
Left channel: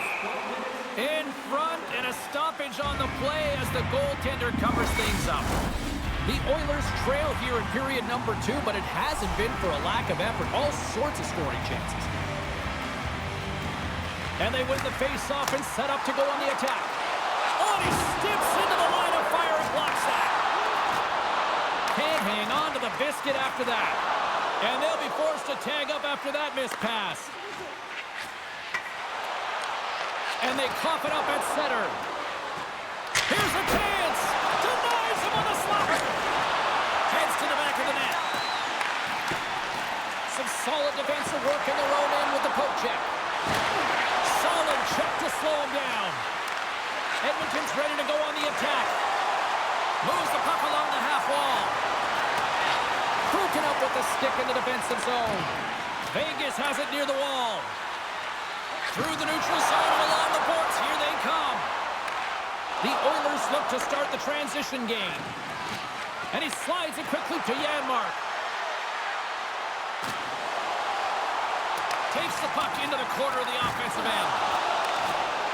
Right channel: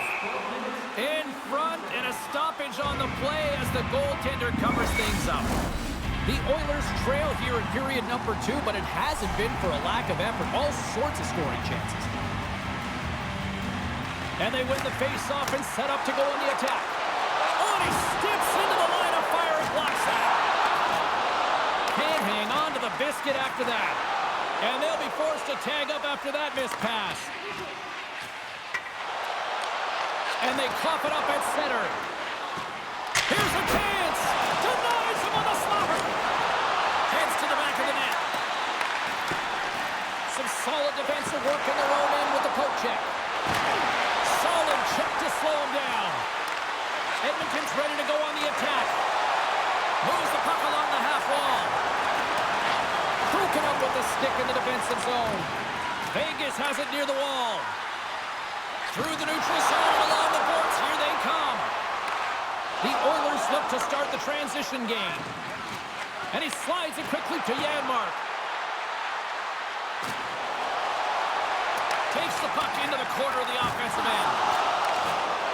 In front, and a stoppage on the play as the goaltender covers things up. The Oilers trail here in period number 2, but it hasn't been for a lack of effort. All sorts of scoring chances. And they win the face-off and set up to go on the attack. Oh, and he steps into the line of fire and blocks that. Can't hang on to the biscuit after that. And they'll be forced to tag up after that missed pass. And they cough it up at center. Here's a chance. Denies him on the slapper. Heads to the back of the net. Some solid defensive work in their own end with the poke check. Solid check to slow him down. Edmonton's ready to go on the attack. Moves the puck along the half wall. Broken up with the stick in the defensive zone. Vegas has it near the wall. Through the neutral zone and along the boards. Here they come. The Oilers look to start the transition game. And he slides it quickly to Janmark. Takes the puck into the corner of the offensive end.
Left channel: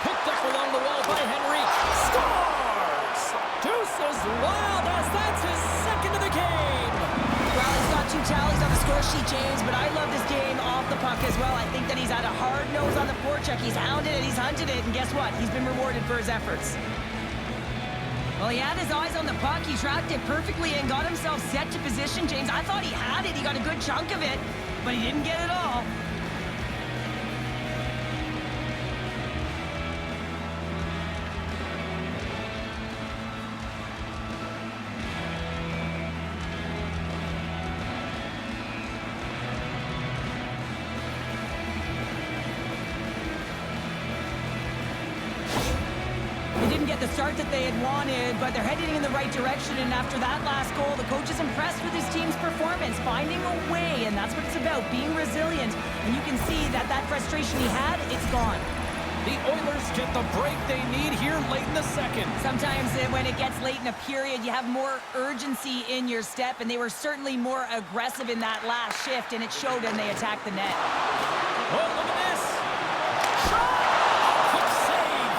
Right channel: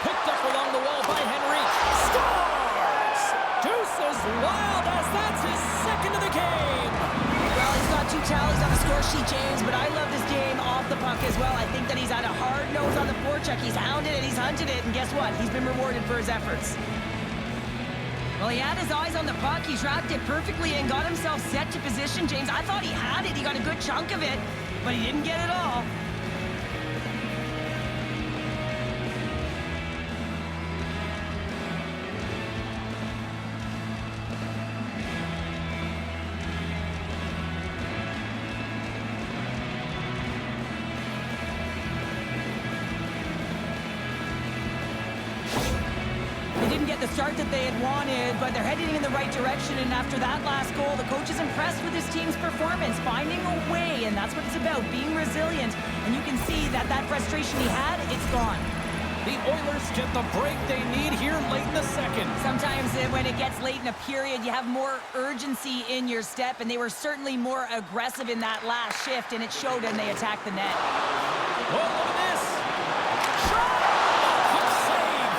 Picked up along the wall by Henrique. Scores! Deuces wild as that's his second of the game. Well, he's got 2 tallies on the score sheet, James, but I love this game off the puck as well. I think that he's had a hard nose on the forecheck. He's hounded it, he's hunted it, and guess what? He's been rewarded for his efforts. Well, he had his eyes on the puck. He tracked it perfectly and got himself set to position, James. I thought he had it. He got a good chunk of it, but he didn't get it all. The start that they had wanted, but they're heading in the right direction, and after that last goal, the coach is impressed with his team's performance, finding a way, and that's what it's about, being resilient, and you can see that that frustration he had, it's gone. The Oilers get the break they need here late in the second. Sometimes when it gets late in a period, you have more urgency in your step, and they were certainly more aggressive in that last shift, and it showed when they attacked the net. Oh, look at this! Shot! Quick save!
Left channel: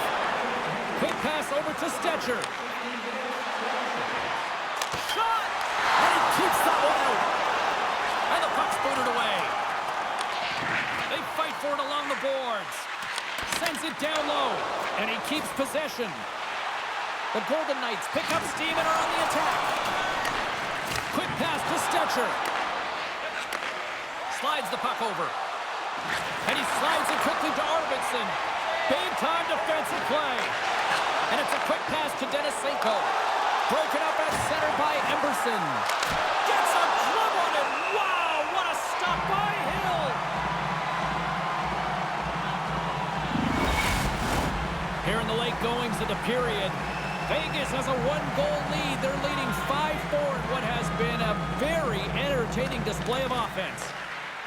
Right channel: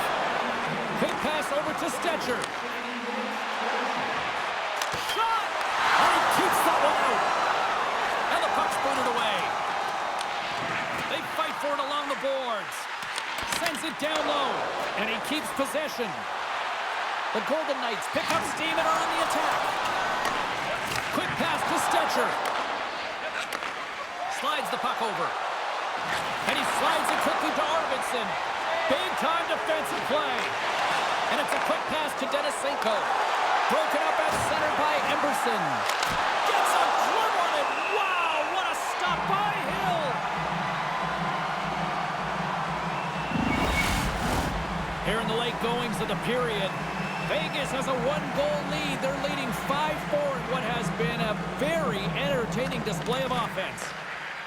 Quick pass over to Stetcher. Shot! And he keeps that one out. And the puck's booted away. They fight for it along the boards. Sends it down low. And he keeps possession. The Golden Knights pick up steam and are on the attack. Quick pass to Stetcher. Slides the puck over. And he slides it quickly to Arvidsson. Big time defensive play. And it's a quick pass to Denisenko. Broken up at center by Emberson. Gets a glove on it. Wow, what a stop by Hill. Here in the late goings of the period, Vegas has a one-goal lead. They're leading 5-4 in what has been a very entertaining display of offense.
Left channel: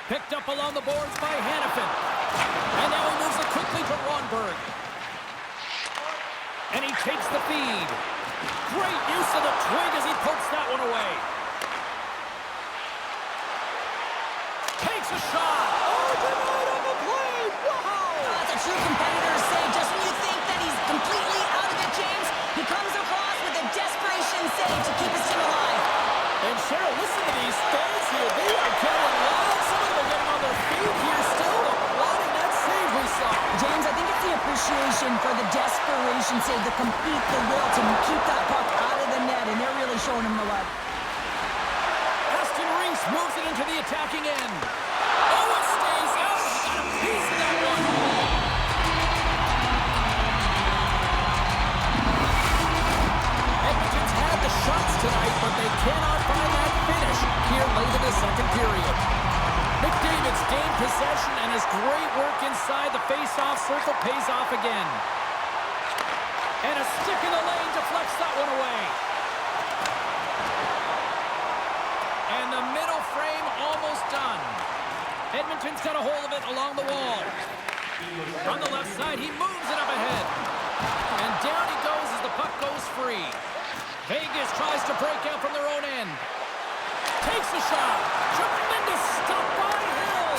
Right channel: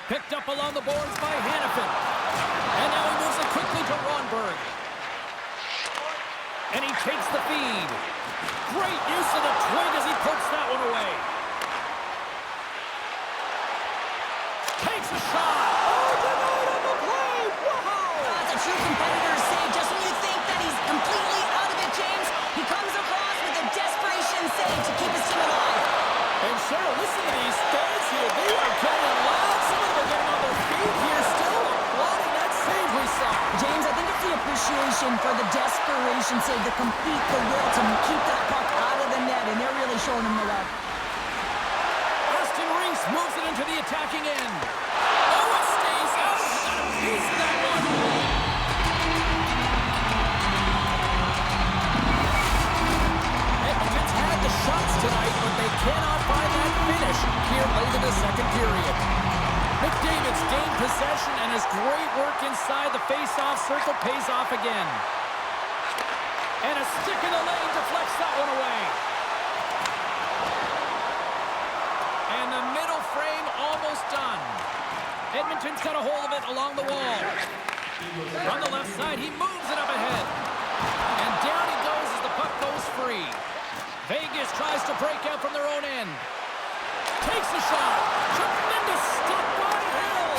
Picked up along the boards by Hannafin. And now he moves it quickly to Ronberg. And he takes the feed. Great use of the twig as he pokes that one away. Takes a shot. Oh, denied on the play. Wow. That's a true competitor's save. Just when you think that he's completely out of it, James, he comes across with a desperation save to keep his team alive. And Cheryl, listen to these fans here. They are getting loud. Some of them are getting on their feet here, still applauding that save we saw. James, I think it's the appreciation for the desperation save, the complete, the will to keep that puck out of the net, and they're really showing him the love. Aston Reese moves it into the attacking end. Oh, it stays out. He got a piece of that one. Edmonton's had the shots tonight, but they cannot find that finish here late in the second period. McDavid's gained possession, and his great work inside the face-off circle pays off again. And a stick in the lane deflects that one away. And the middle frame almost done. Edmonton's got a hold of it along the wall. From the left side, he moves it up ahead. And down he goes as the puck goes free. Vegas tries to break out from their own end. Takes a shot. Tremendous stop by Hill.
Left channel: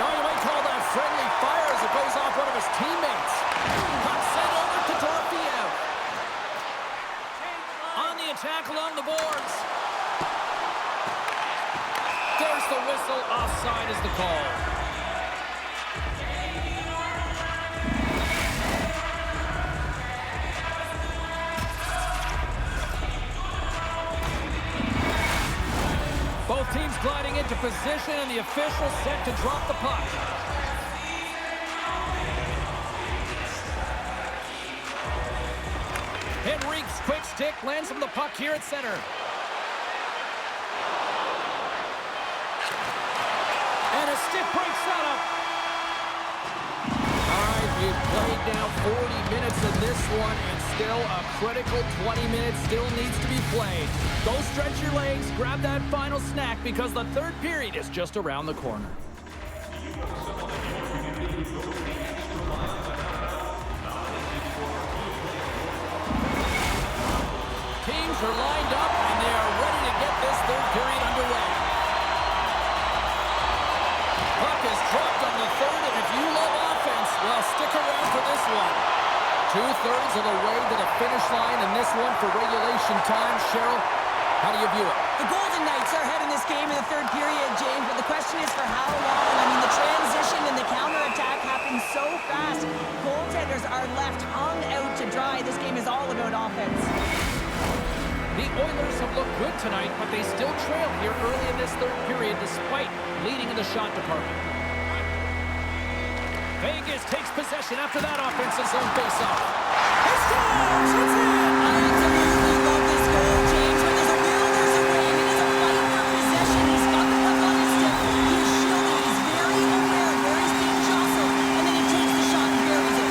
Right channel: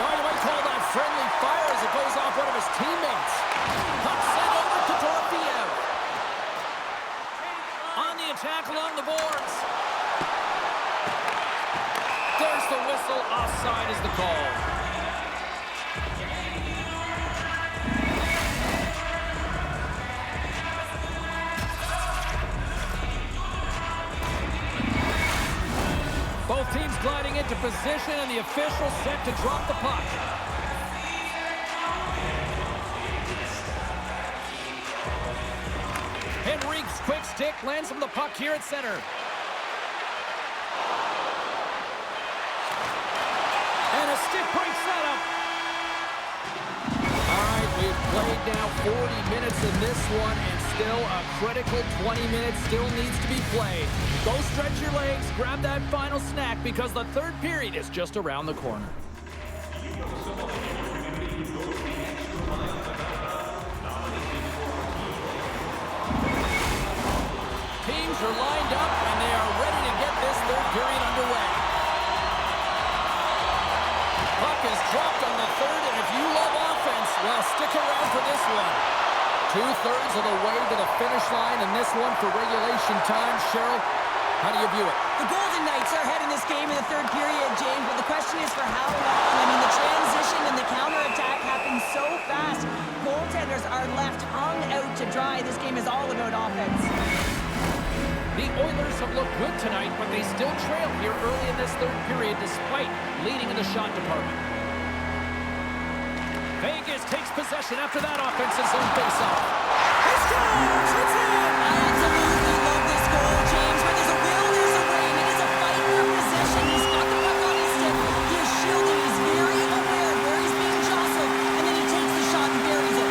Now you might call that friendly fire as it goes off one of his teammates. Puck sent over to Dorofiev. On the attack along the boards. There's the whistle. Offside is the call. Both teams gliding into position, and the official set to drop the puck. Henrique's quick stick lands him the puck here at center. And a stick breaks that up. All right, we've played now 40 minutes in this one, and still a critical 20 minutes still needs to be played. Go stretch your legs, grab that final snack, because the third period is just around the corner. Teams are lined up, and they are ready to get this third period underway. Puck is dropped on the third, and if you love offense, well, stick around for this one. 2/3 of the way to the finish line in this one for regulation time. Cheryl, how do you view it? The Golden Knights are ahead in this game in the third period, James, but the question is for how long? I mean, the transition and the counterattack happen so fast. Goaltenders are left hung out to dry. This game is all about offense. The Oilers have looked good tonight, but they still trail here early in this third period despite leading in the shot department. Vegas takes possession after that offensive zone faceoff. He scores! It's in! I absolutely love this goal, James. Where there's a will, there's a way, and it is a fight for possession. He's got the puck on his stick. He is shielding. He's very aware of where he's being jostled, and then he takes the shot and buries it.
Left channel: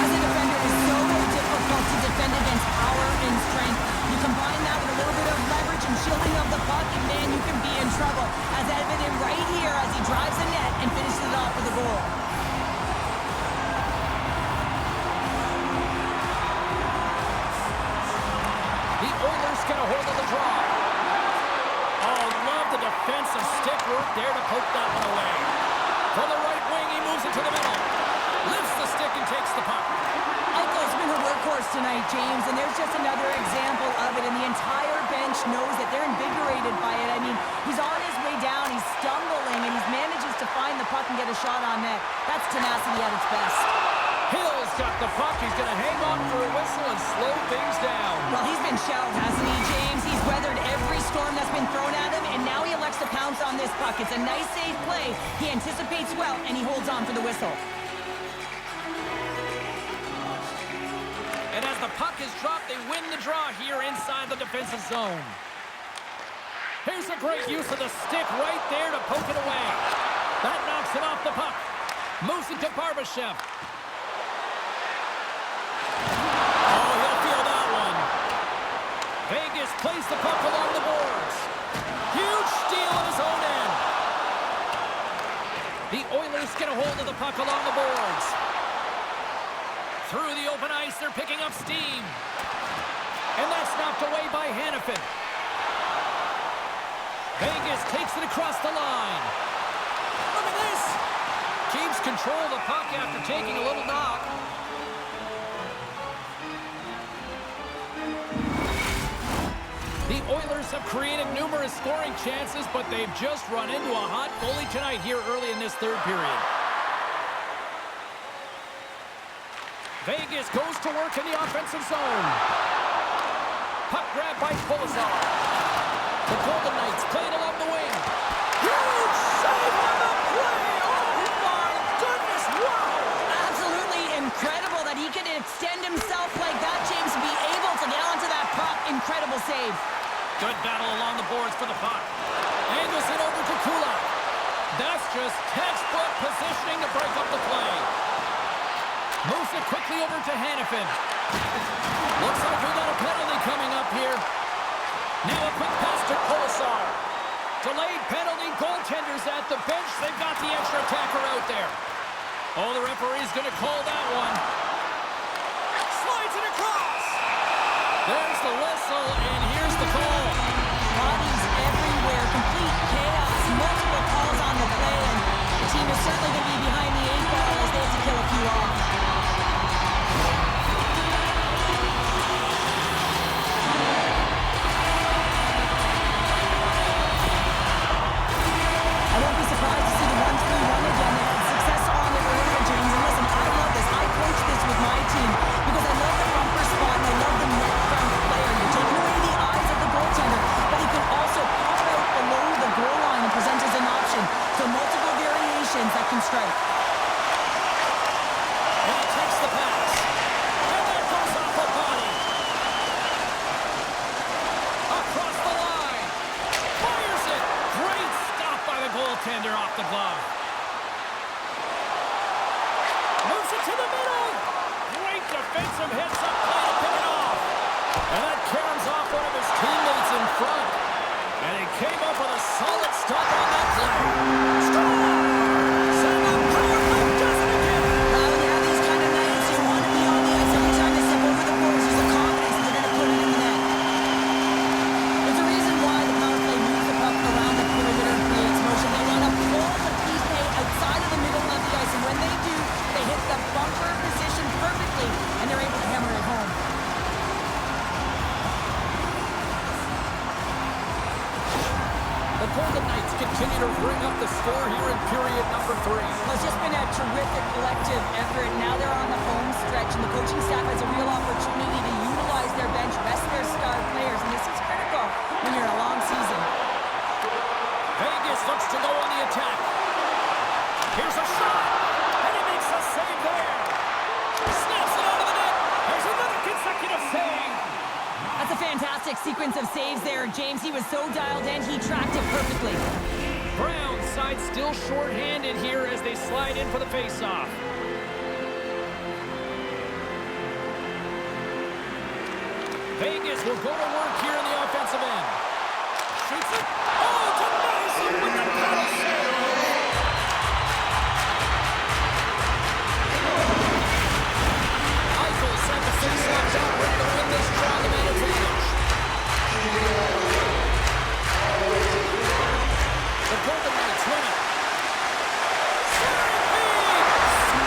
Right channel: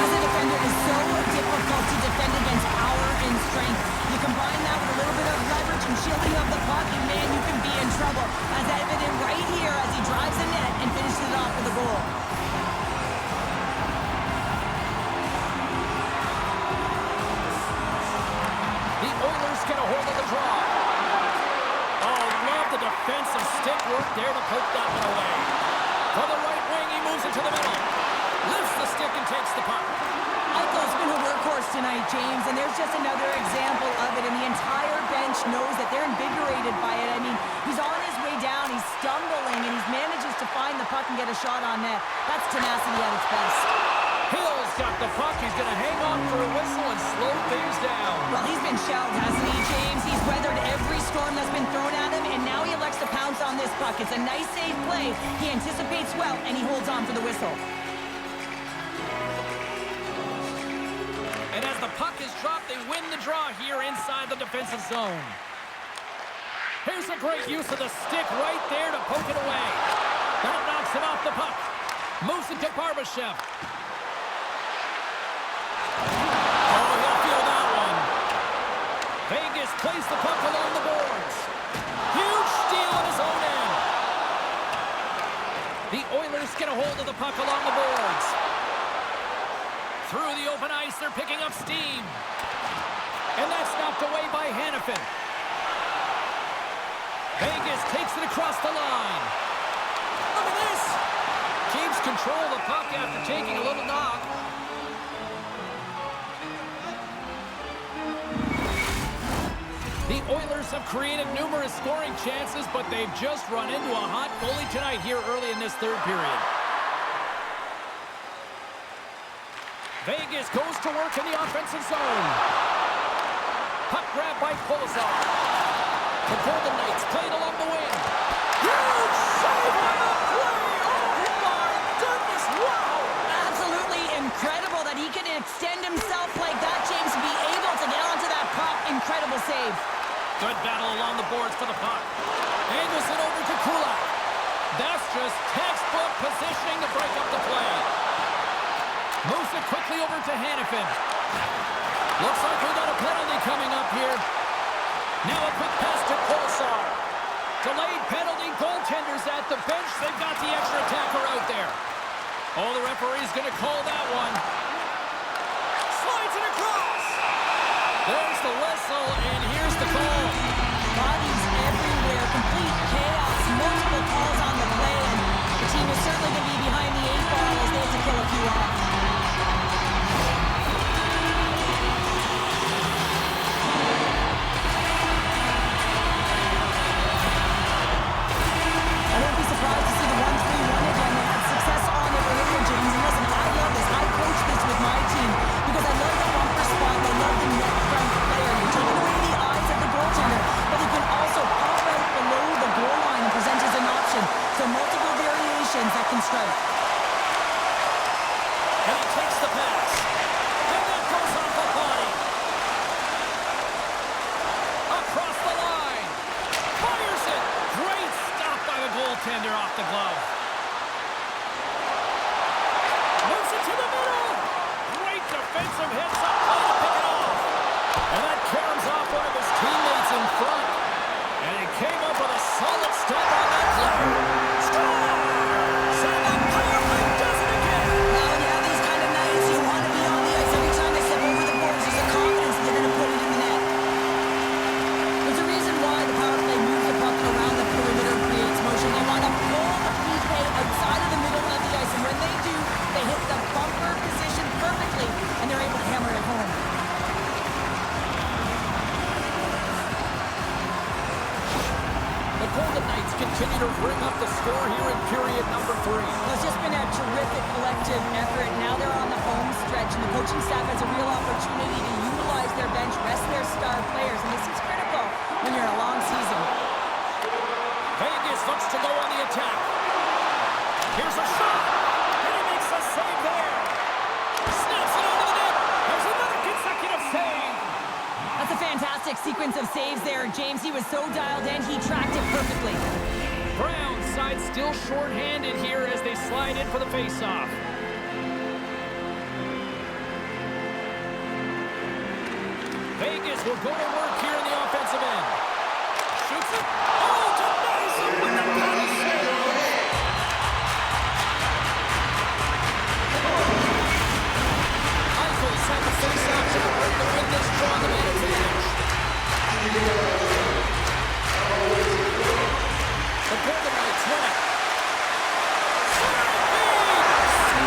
As a defender, it is so difficult to defend against power and strength. You combine that with a little bit of leverage and shielding of the puck, and man, you can be in trouble. As evident right here as he drives the net and finishes it off with a goal. The Oilers get a hold of the draw. Oh, love the defensive stick work there to poke that one away. From the right wing, he moves it to the middle. Lifts the stick and takes the puck. Eichel's been a workhorse tonight, James, and there's just another example of it, and the entire bench knows that they're invigorated by it. I mean, he's on his way down, he's stumbling, and he manages to find the puck and get a shot on net. That's tenacity at its best. Hill's got the puck. He's going to hang on for a whistle and slow things down. Well, he's been shelled, hasn't he, James? He's weathered every storm that's been thrown at him, and now he elects to pounce on this puck. It's a nice, safe play. He anticipates well, and he holds on for the whistle. As the puck is dropped, they win the draw here inside the defensive zone. Here's a great use of the stick right there to poke it away. That knocks it off the puck. Moves it to Barbashev. Oh, he'll feel that one. Vegas plays the puck along the boards. Huge steal at his own end. The Oilers get a hold of the puck along the boards. Through the open ice, they're picking up steam. And that's knocked away by Hanifin. Vegas takes it across the line. Look at this. Keeps control of the puck after taking a little knock. The Oilers have created numerous scoring chances, but they've just run into a hot goalie tonight here early in this third period. Vegas goes to work in the offensive zone. Puck grab by Polizar. The Golden Knights play it along the wing. Huge save on the play! Oh my goodness, wow! Absolutely incredible that he can extend himself like that, James, and be able to get onto that puck. Incredible save. Good battle along the boards for the puck. Angles it over to Kulak. That's just textbook positioning to break up the play. Moves it quickly over to Hanifin. Looks like we got a penalty coming up here. Now a quick pass to Kolesar. Delayed penalty, goaltenders at the bench. They've got the extra attacker out there. Oh, the referee's going to call that one. Slides it across. There's the whistle, and here's the call. Bodies everywhere, complete chaos, multiple calls on the play, and the team is certainly going to be behind the 8-ball as they have to kill a few off. I won't be surprised to see the 1-3-1 again. They had success on it earlier, James. And listen, I love this. I coach this with my team because I love the bumper spot and I love the net front player. You're taking away the eyes of the goaltender, but he can also pop out below the goal line and present as an option. So multiple variations that can strike. And he takes the pass. And that goes off the body. Across the line. Fires it. Great stop by the goaltender off the glove. Moves it to the middle. Great defensive hits up play to pick it off. And that caroms off one of his teammates in front. And he came up with a solid stop on that play. Scores! And the power play does it again. Well, when you have these kind of nights, you want to be on the ice every time they step over the boards. There's a confidence that they're going to put it in the net. There's a reason why the power play moves the puck around the perimeter and creates motion. They want to pull the PK outside of the middle of the ice, and when they do, they hit the bumper position perfectly, and they're able to hammer it home. The Golden Knights continue to bring up the score here in period number 3. Well, it's just been a terrific collective effort. Now they're on the home stretch, and the coaching staff has a real opportunity to utilize their bench, rest their star players, and this is critical when you're in a long season. Vegas looks to go on the attack. Here's a shot, and he makes a save there. Snaps it onto the net. There's another consecutive save. That's a fantastic sequence of saves there, James. He was so dialed in, he tracked it perfectly. Brown's side still short-handed here as they slide in for the face-off. Vegas will go to work here in the offensive end. Shoots it. Oh, denies it with the paddle save. Eichel's at the face-off top, ready to win this draw on the man advantage. The Golden Knights win it.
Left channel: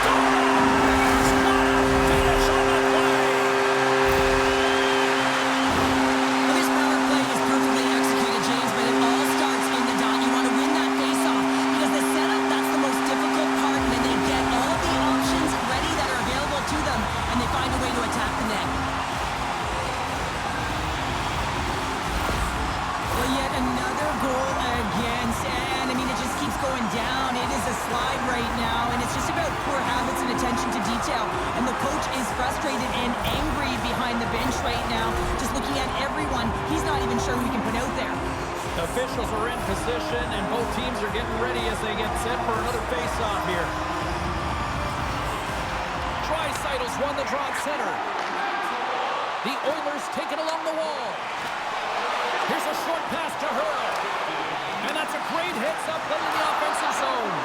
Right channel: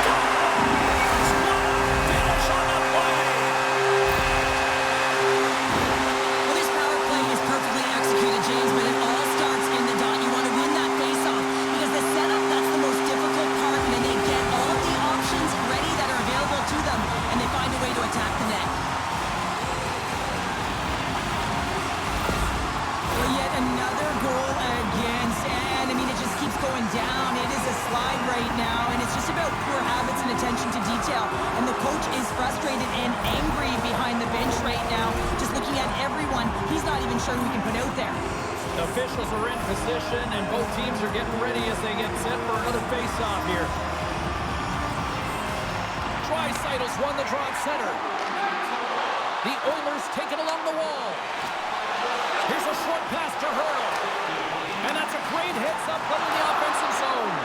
Scores! What a finish on the play! Well, this power play is perfectly executed, James, but it all starts in the dot. You want to win that face-off because the setup, that's the most difficult part, and then they get all of the options ready that are available to them, and they find a way to attack the net. Another goal against, and I mean, it just keeps going down. It is a slide right now, and it's just about poor habits and attention to detail. And the coach is frustrated and angry behind the bench right now. Just looking at everyone, he's not even sure who he can put out there. The officials are in position, and both teams are getting ready as they get set for another face-off here. Draisaitl won the draw at center. The Oilers take it along the wall. Here's a short pass to Hurdle. And that's a great heads-up play in the offensive zone.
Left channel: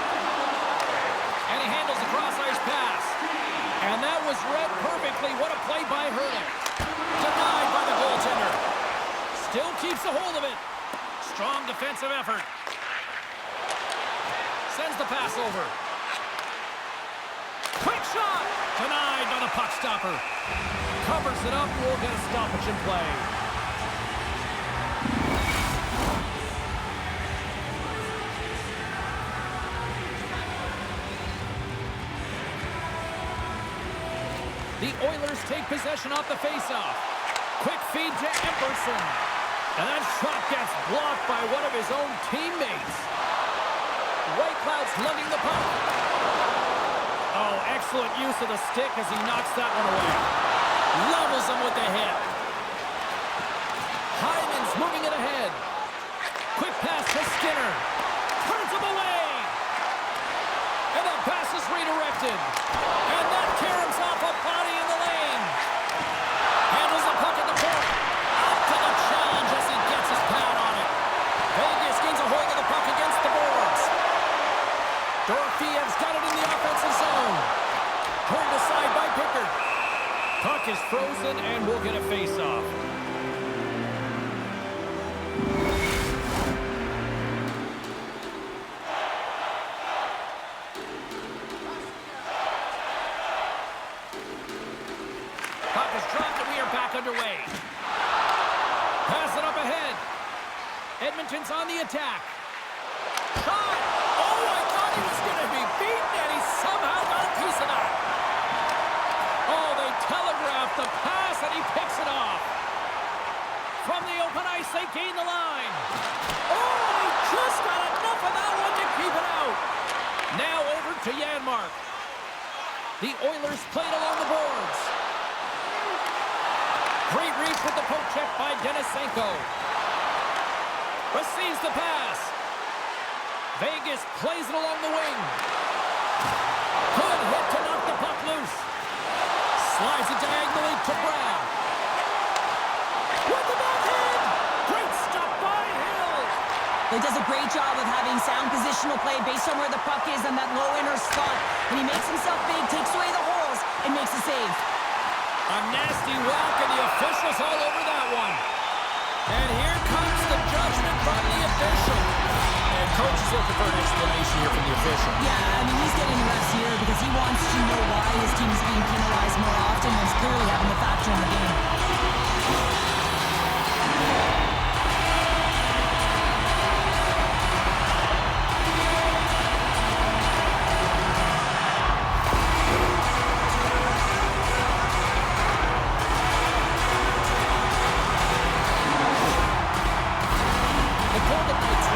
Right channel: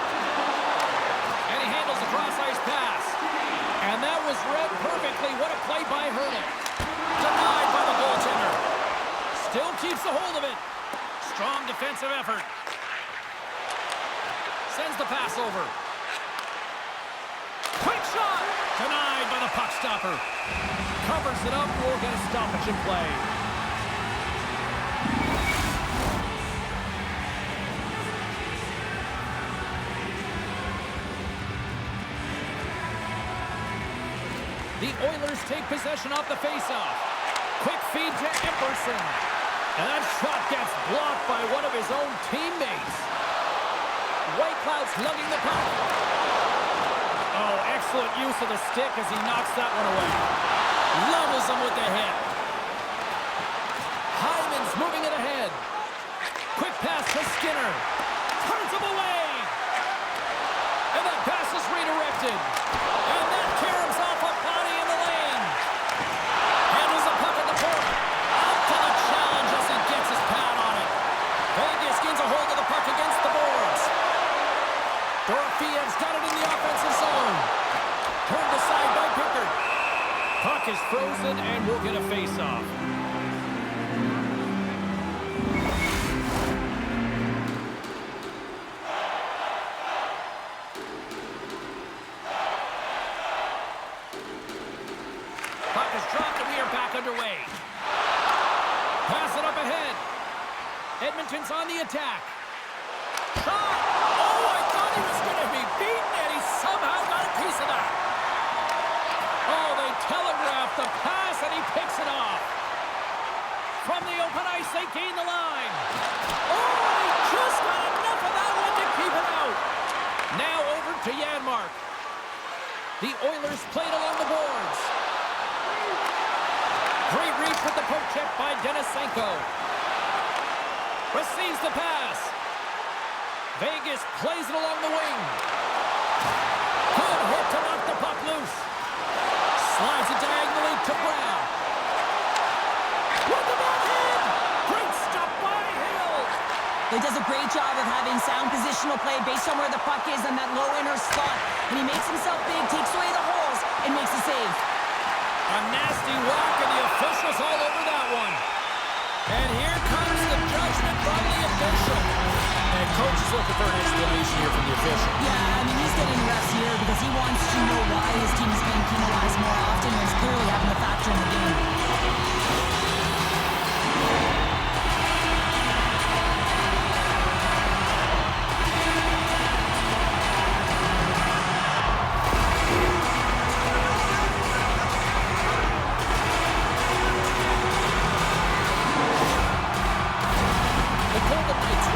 And he handles the cross-ice pass. And that was read perfectly. What a play by Hurdle. Denied by the goaltender. Still keeps a hold of it. Strong defensive effort. Sends the pass over. Quick shot! Denied by the puck stopper. Covers it up. We'll get a stoppage in play. The Oilers take possession off the faceoff. Quick feed to Epperson. And that shot gets blocked by one of his own teammates. Whitecloud's lugging the puck. Oh, excellent use of the stick as he knocks that one away. Levels him with the hit. Hyman's moving it ahead. Quick pass to Skinner. Turns him away. And that pass is redirected. And that caroms off a body in the lane. Handles the puck at the point. Out to the challenge as he gets his pad on it. Vegas gains a hold of the puck against the boards. Dorofeyev's got it in the offensive zone. Turned aside by Pickard. Puck is frozen and we'll get a face-off. Puck is dropped and we are back underway. Pass it up ahead. Edmonton's on the attack. Shot! Oh, I thought he was going to be beaten, and he somehow got a piece of that. Oh, they telegraphed the pass, and he picks it off. From the open ice, they gain the line. Oh, and he just got enough of that one to keep it out. Now over to Janmark. The Oilers played along the boards. Great reach with the poke check by Denisenko. Receives the pass. Vegas plays it along the wing. Good hit to knock the puck loose. Slides it diagonally to Brown. With the backhand. Great stop by Hill. He does a great job of having sound positional play based on where the puck is in that low inner slot. And he makes himself big, takes away the holes, and makes a save. A nasty whack, and the officials all over that one. And here comes the judgment from the official. And coach is looking for an explanation here from the official. Yeah, I mean, he's getting the refs here because he wants to know why his team is being penalized more often, and it's clearly having a factor in the game.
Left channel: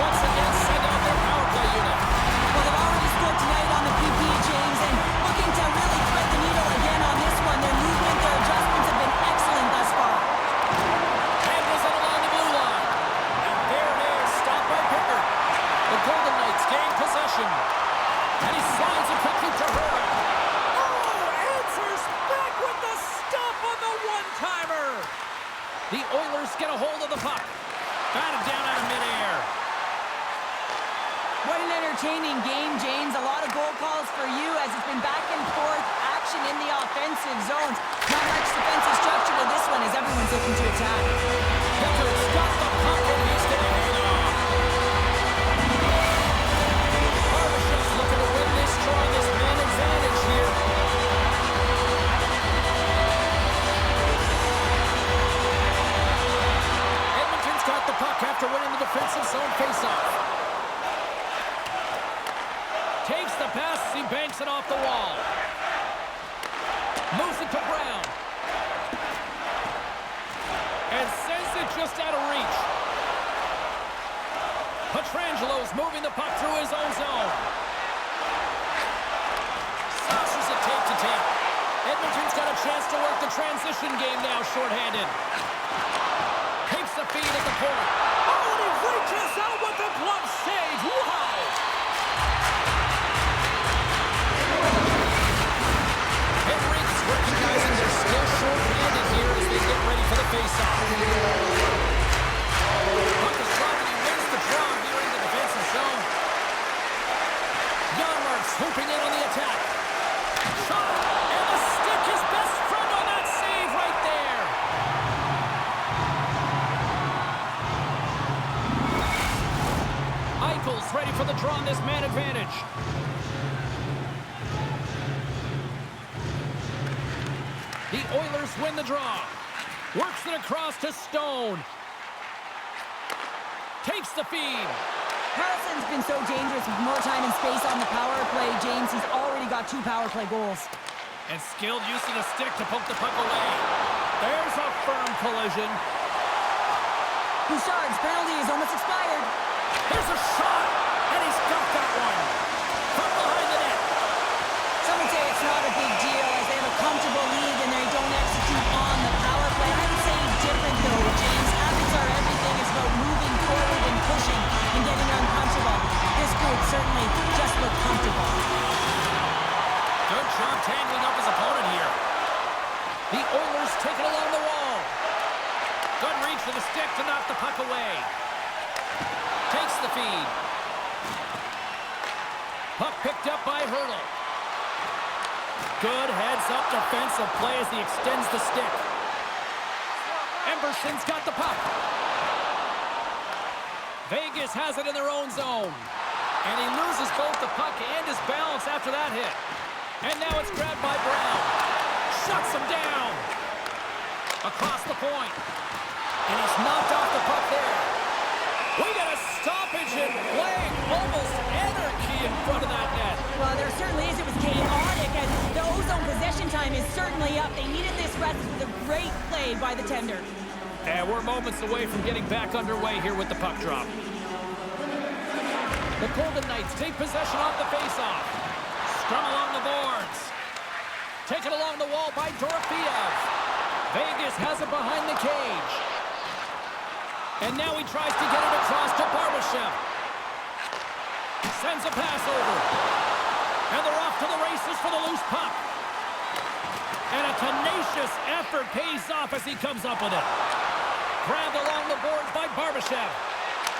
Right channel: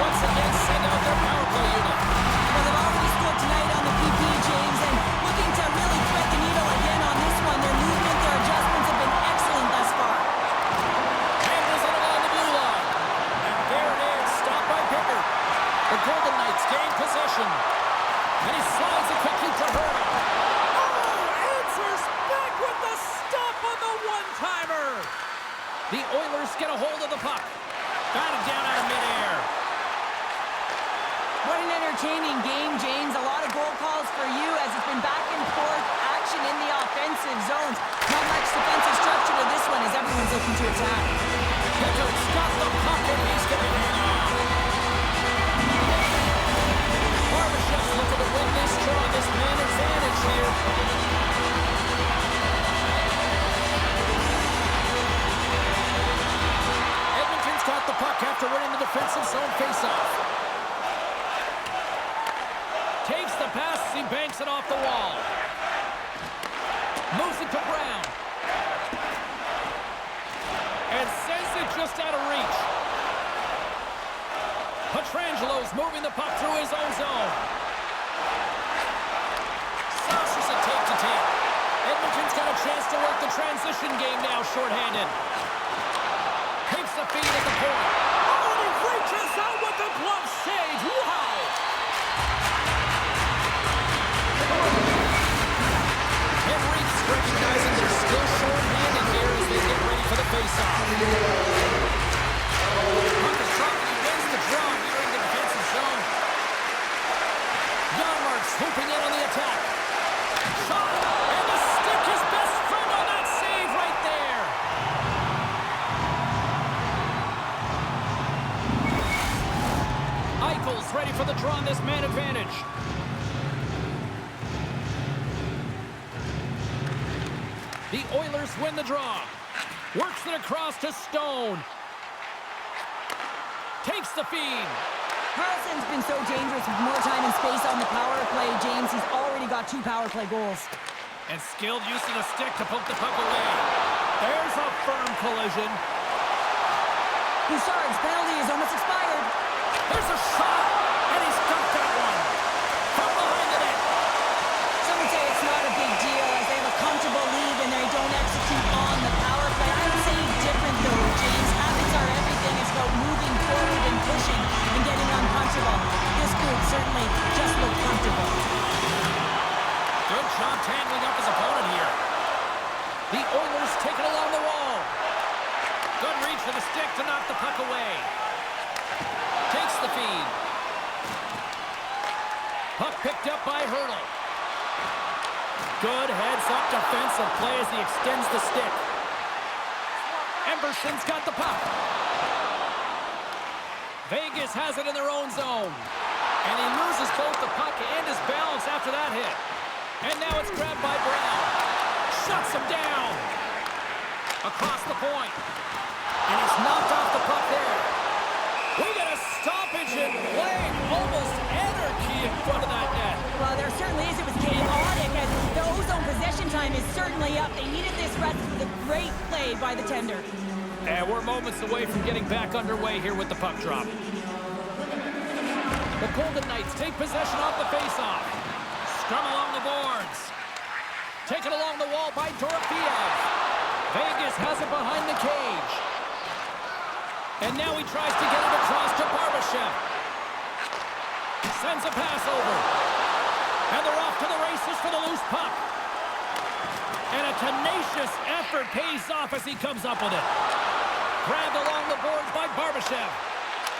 Once again, send out their power play unit. Well, they've already scored tonight on the PP, James, and looking to really thread the needle again on this one. Their movement, their adjustments have been excellent thus far. Handles it along the blue line. And there it is, stopped by Pickard. The Golden Knights gain possession. And he slides it quickly to Hurdle. Oh, answers back with the stop on the one-timer. The Oilers get a hold of the puck. Batted down out of midair. What an entertaining game, James. A lot of goal calls for you as it's been back and forth action in the offensive zones. Not much defensive structure to this one as everyone's looking to attack. Pickard's got the puck and he's going to hang on. Barbashev's looking to win this draw, this man advantage here. Edmonton's got the puck after winning the defensive zone faceoff. Takes the pass as he banks it off the wall. Moves it to Brown. And sends it just out of reach. Petrangelo's moving the puck through his own zone. Saucers it tape to tape. Edmonton's got a chance to work the transition game now, shorthanded. Takes the feed at the point. Oh, and he reaches out with the glove save. Wow! Henrique's recognizing they're still shorthanded here as they get ready for the faceoff. Puck is dropped and he wins the draw here in the defensive zone. Janmark's swooping in on the attack. Shot, and the stick, his best friend on that save right there. Eichel's ready for the draw on this man advantage. The Oilers win the draw. Works it across to Stone. Takes the feed. Carlson's been so dangerous with more time and space on the power play, James. He's already got 2 power play goals. And skilled use of the stick to poke the puck away. There's a firm collision. Bouchard's penalty is almost expired. There's a shot, and he's got that one. From behind the net. Some would say it's not a big deal as they have a comfortable lead and they don't execute on the power play. I would say different though, James. Habits are everything. It's about moving forward and pushing and getting uncomfortable. This group certainly just looked comfortable. Good job tangling up his opponent here. The Oilers take it along the wall. Good reach for the stick to knock the puck away. Takes the feed. Puck picked up by Hurdle. Good heads-up defensive play as he extends the stick. Emberson's got the puck. Vegas has it in their own zone. And he loses both the puck and his balance after that hit. And now it's grabbed by Brown. Shuts him down. Across the point. And he's knocked off the puck there. We got a stoppage in play. Almost anarchy in front of that net. Well, there certainly is. It was chaotic as the ozone possession time is certainly up. They needed this rest with a great play by the tender. And we're moments away from getting back underway here with the puck drop. The Golden Knights take possession off the faceoff. Scrum along the boards. Taken along the wall by Dorofeev. Vegas has it behind the cage. And now he tries to get it across to Barbashev. Sends a pass over. And they're off to the races for the loose puck. And a tenacious effort pays off as he comes up with it. Grabbed along the boards by Barbashev.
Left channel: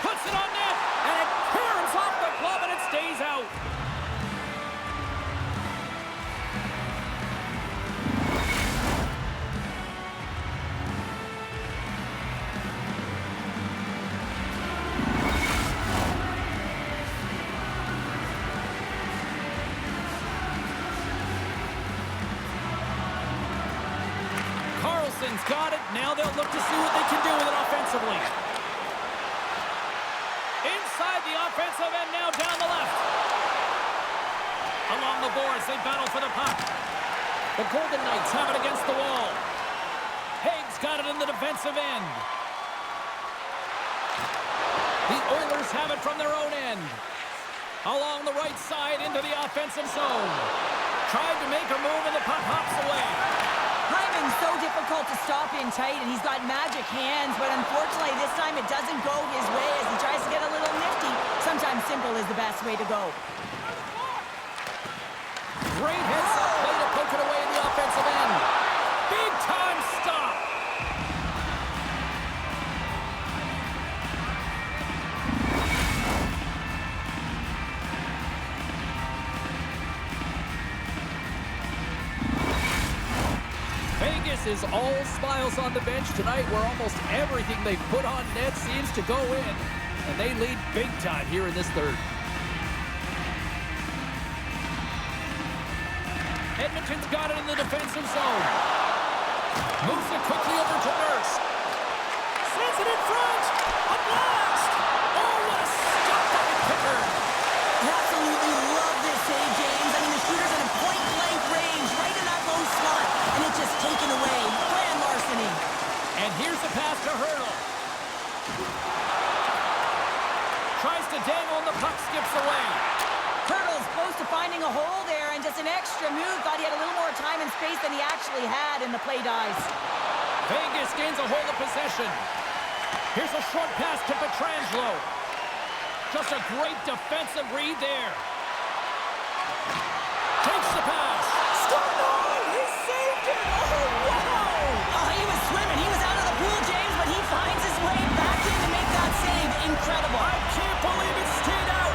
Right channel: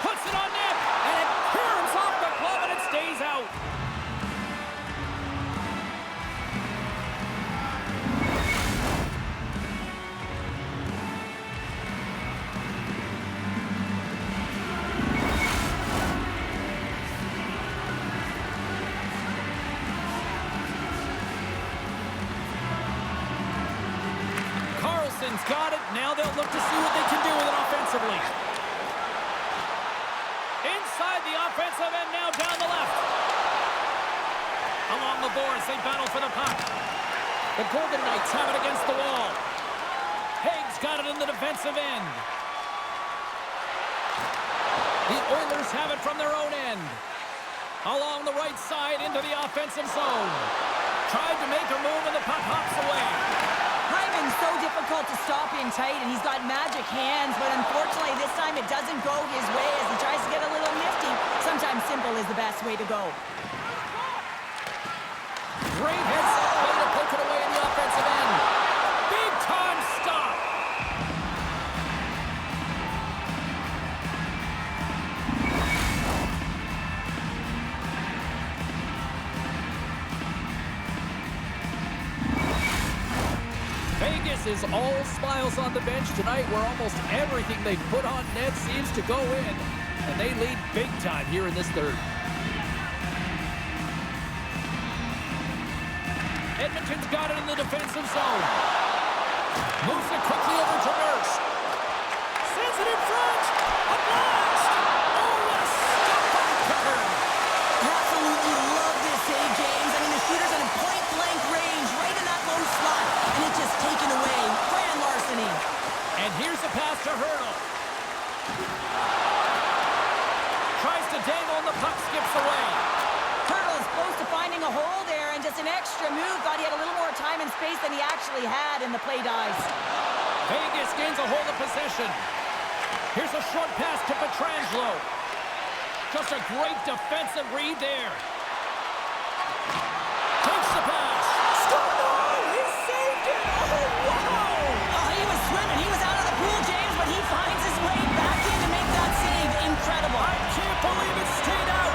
Puts it on net. And it curves off the glove and it stays out. Carlson's got it. Now they'll look to see what they can do with it offensively. Inside the offensive end now down the left. Along the boards, they battle for the puck. The Golden Knights have it against the wall. Haig's got it in the defensive end. The Oilers have it from their own end. Along the right side into the offensive zone. Tried to make a move and the puck hops away. Hyman's so difficult to stop in tight, and he's got magic hands, but unfortunately this time it doesn't go his way as he tries to get a little nifty. Sometimes simple is the best way to go. Great heads-up play to poke it away in the offensive end. Big-time stop. Vegas is all smiles on the bench tonight, where almost everything they put on net seems to go in. And they lead big time here in this third. Edmonton's got it in the defensive zone. Moves it quickly over to Nurse. Sends it in front. A blast. Oh, what a stop by Pickard. Absolutely love this save, James. I mean, the shooter's at a point-blank range, right in that low slot, and it's just taken away. Grand larceny. And here's a pass to Hurdle. tries to dangle and the puck skips away. Hurdle's close to finding a hole there, and just an extra move. Thought he had a little more time and space than he actually had, and the play dies. Vegas gains a hold of possession. Here's a short pass to Pietrangelo. Just a great defensive read there. Takes the pass. Score! No! He saved it! Oh, wow! Oh, he was swimming. He was out of the pool, James, but he finds his way back in to make that save. Incredible. I can't believe it stayed out.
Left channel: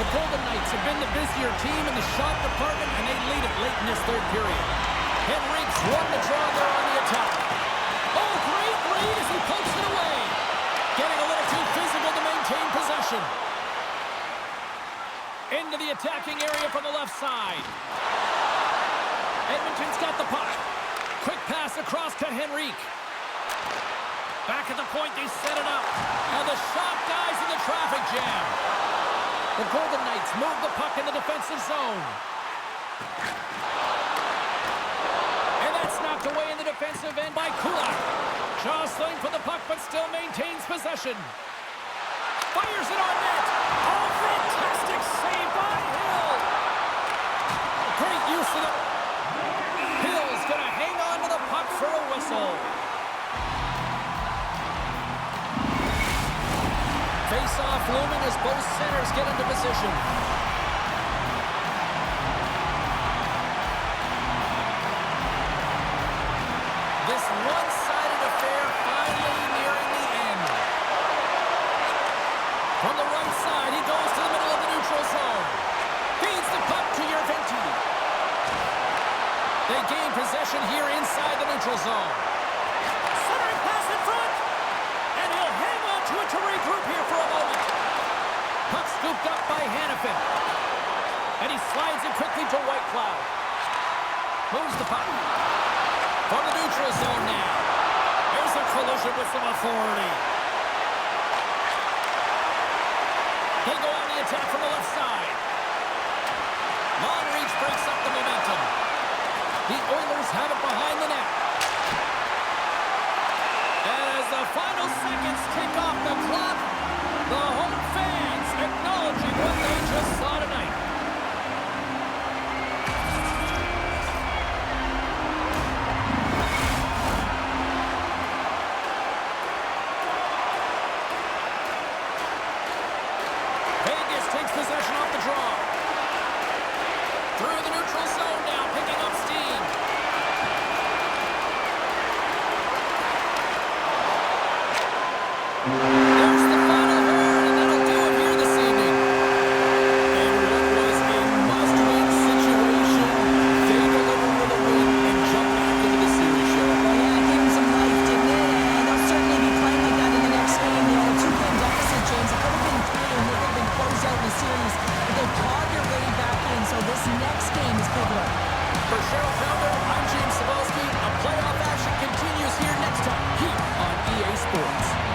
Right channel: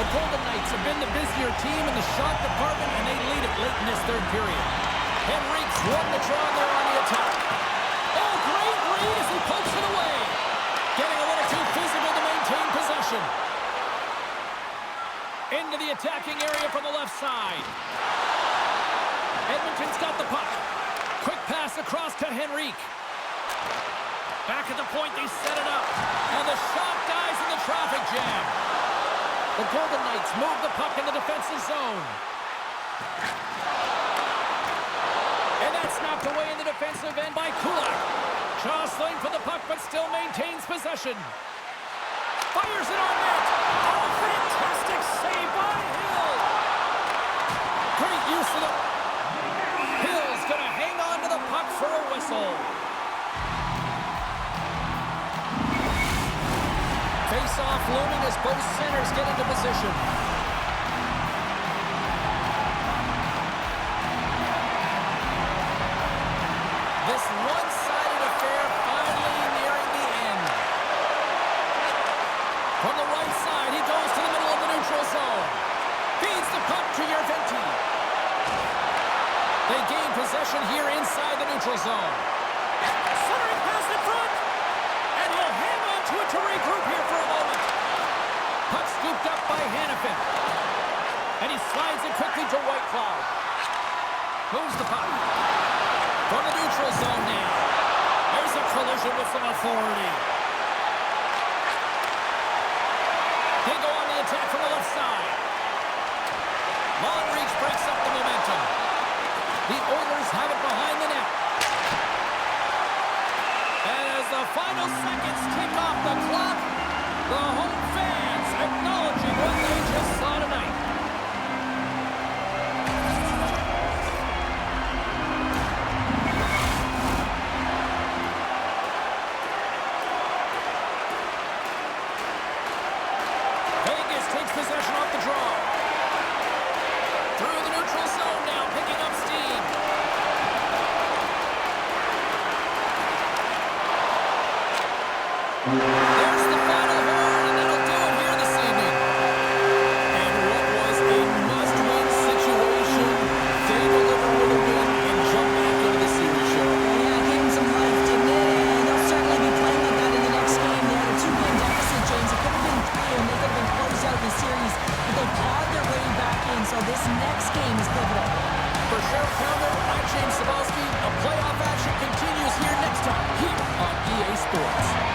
The Golden Knights have been the busier team in the shot department, and they lead it late in this third period. Henrique's won the draw there on the attack. Oh, great read as he pokes it away. Getting a little too physical to maintain possession. Into the attacking area from the left side. Edmonton's got the puck. Quick pass across to Henrique. Back at the point, they set it up. And the shot dies in the traffic jam. The Golden Knights move the puck in the defensive zone. And that's knocked away in the defensive end by Kulak. Jostling for the puck, but still maintains possession. Fires it on net. Oh, fantastic save by Hill. Great use of the... Hill's going to hang on to the puck for a whistle. Face-off looming as both centers get into position. This one-sided affair finally nearing the end. From the right side, he goes to the middle of the neutral zone. Feeds the puck to Yerventi. They gain possession here inside the neutral zone. Centering pass in front. And he'll hang on to it to regroup here for a moment. Puck scooped up by Hannafin. And he slides it quickly to Whitecloud. Moves the puck. From the neutral zone now. There's a collision with some authority. They go on the attack from the left side. Long reach breaks up the momentum. The Oilers have it behind the net. And as the final seconds tick off the clock, the home fans acknowledging what they just saw tonight. Vegas takes possession off the draw. Through the neutral zone now, picking up steam. There's the final horn, and that'll do it here this evening. And what was a must-win situation, they delivered with a win and jump back into the series, Cheryl. Well, yeah, it gave them some life, didn't it? And they'll certainly be playing like that in the next game. They had a 2-game deficit, James. It could have been 3, and they could have been closed out in the series. But they clawed their way back in, so this next game is pivotal. For Cheryl Pounder, I'm James Cebulski. A playoff action continues here next time, here on EA Sports.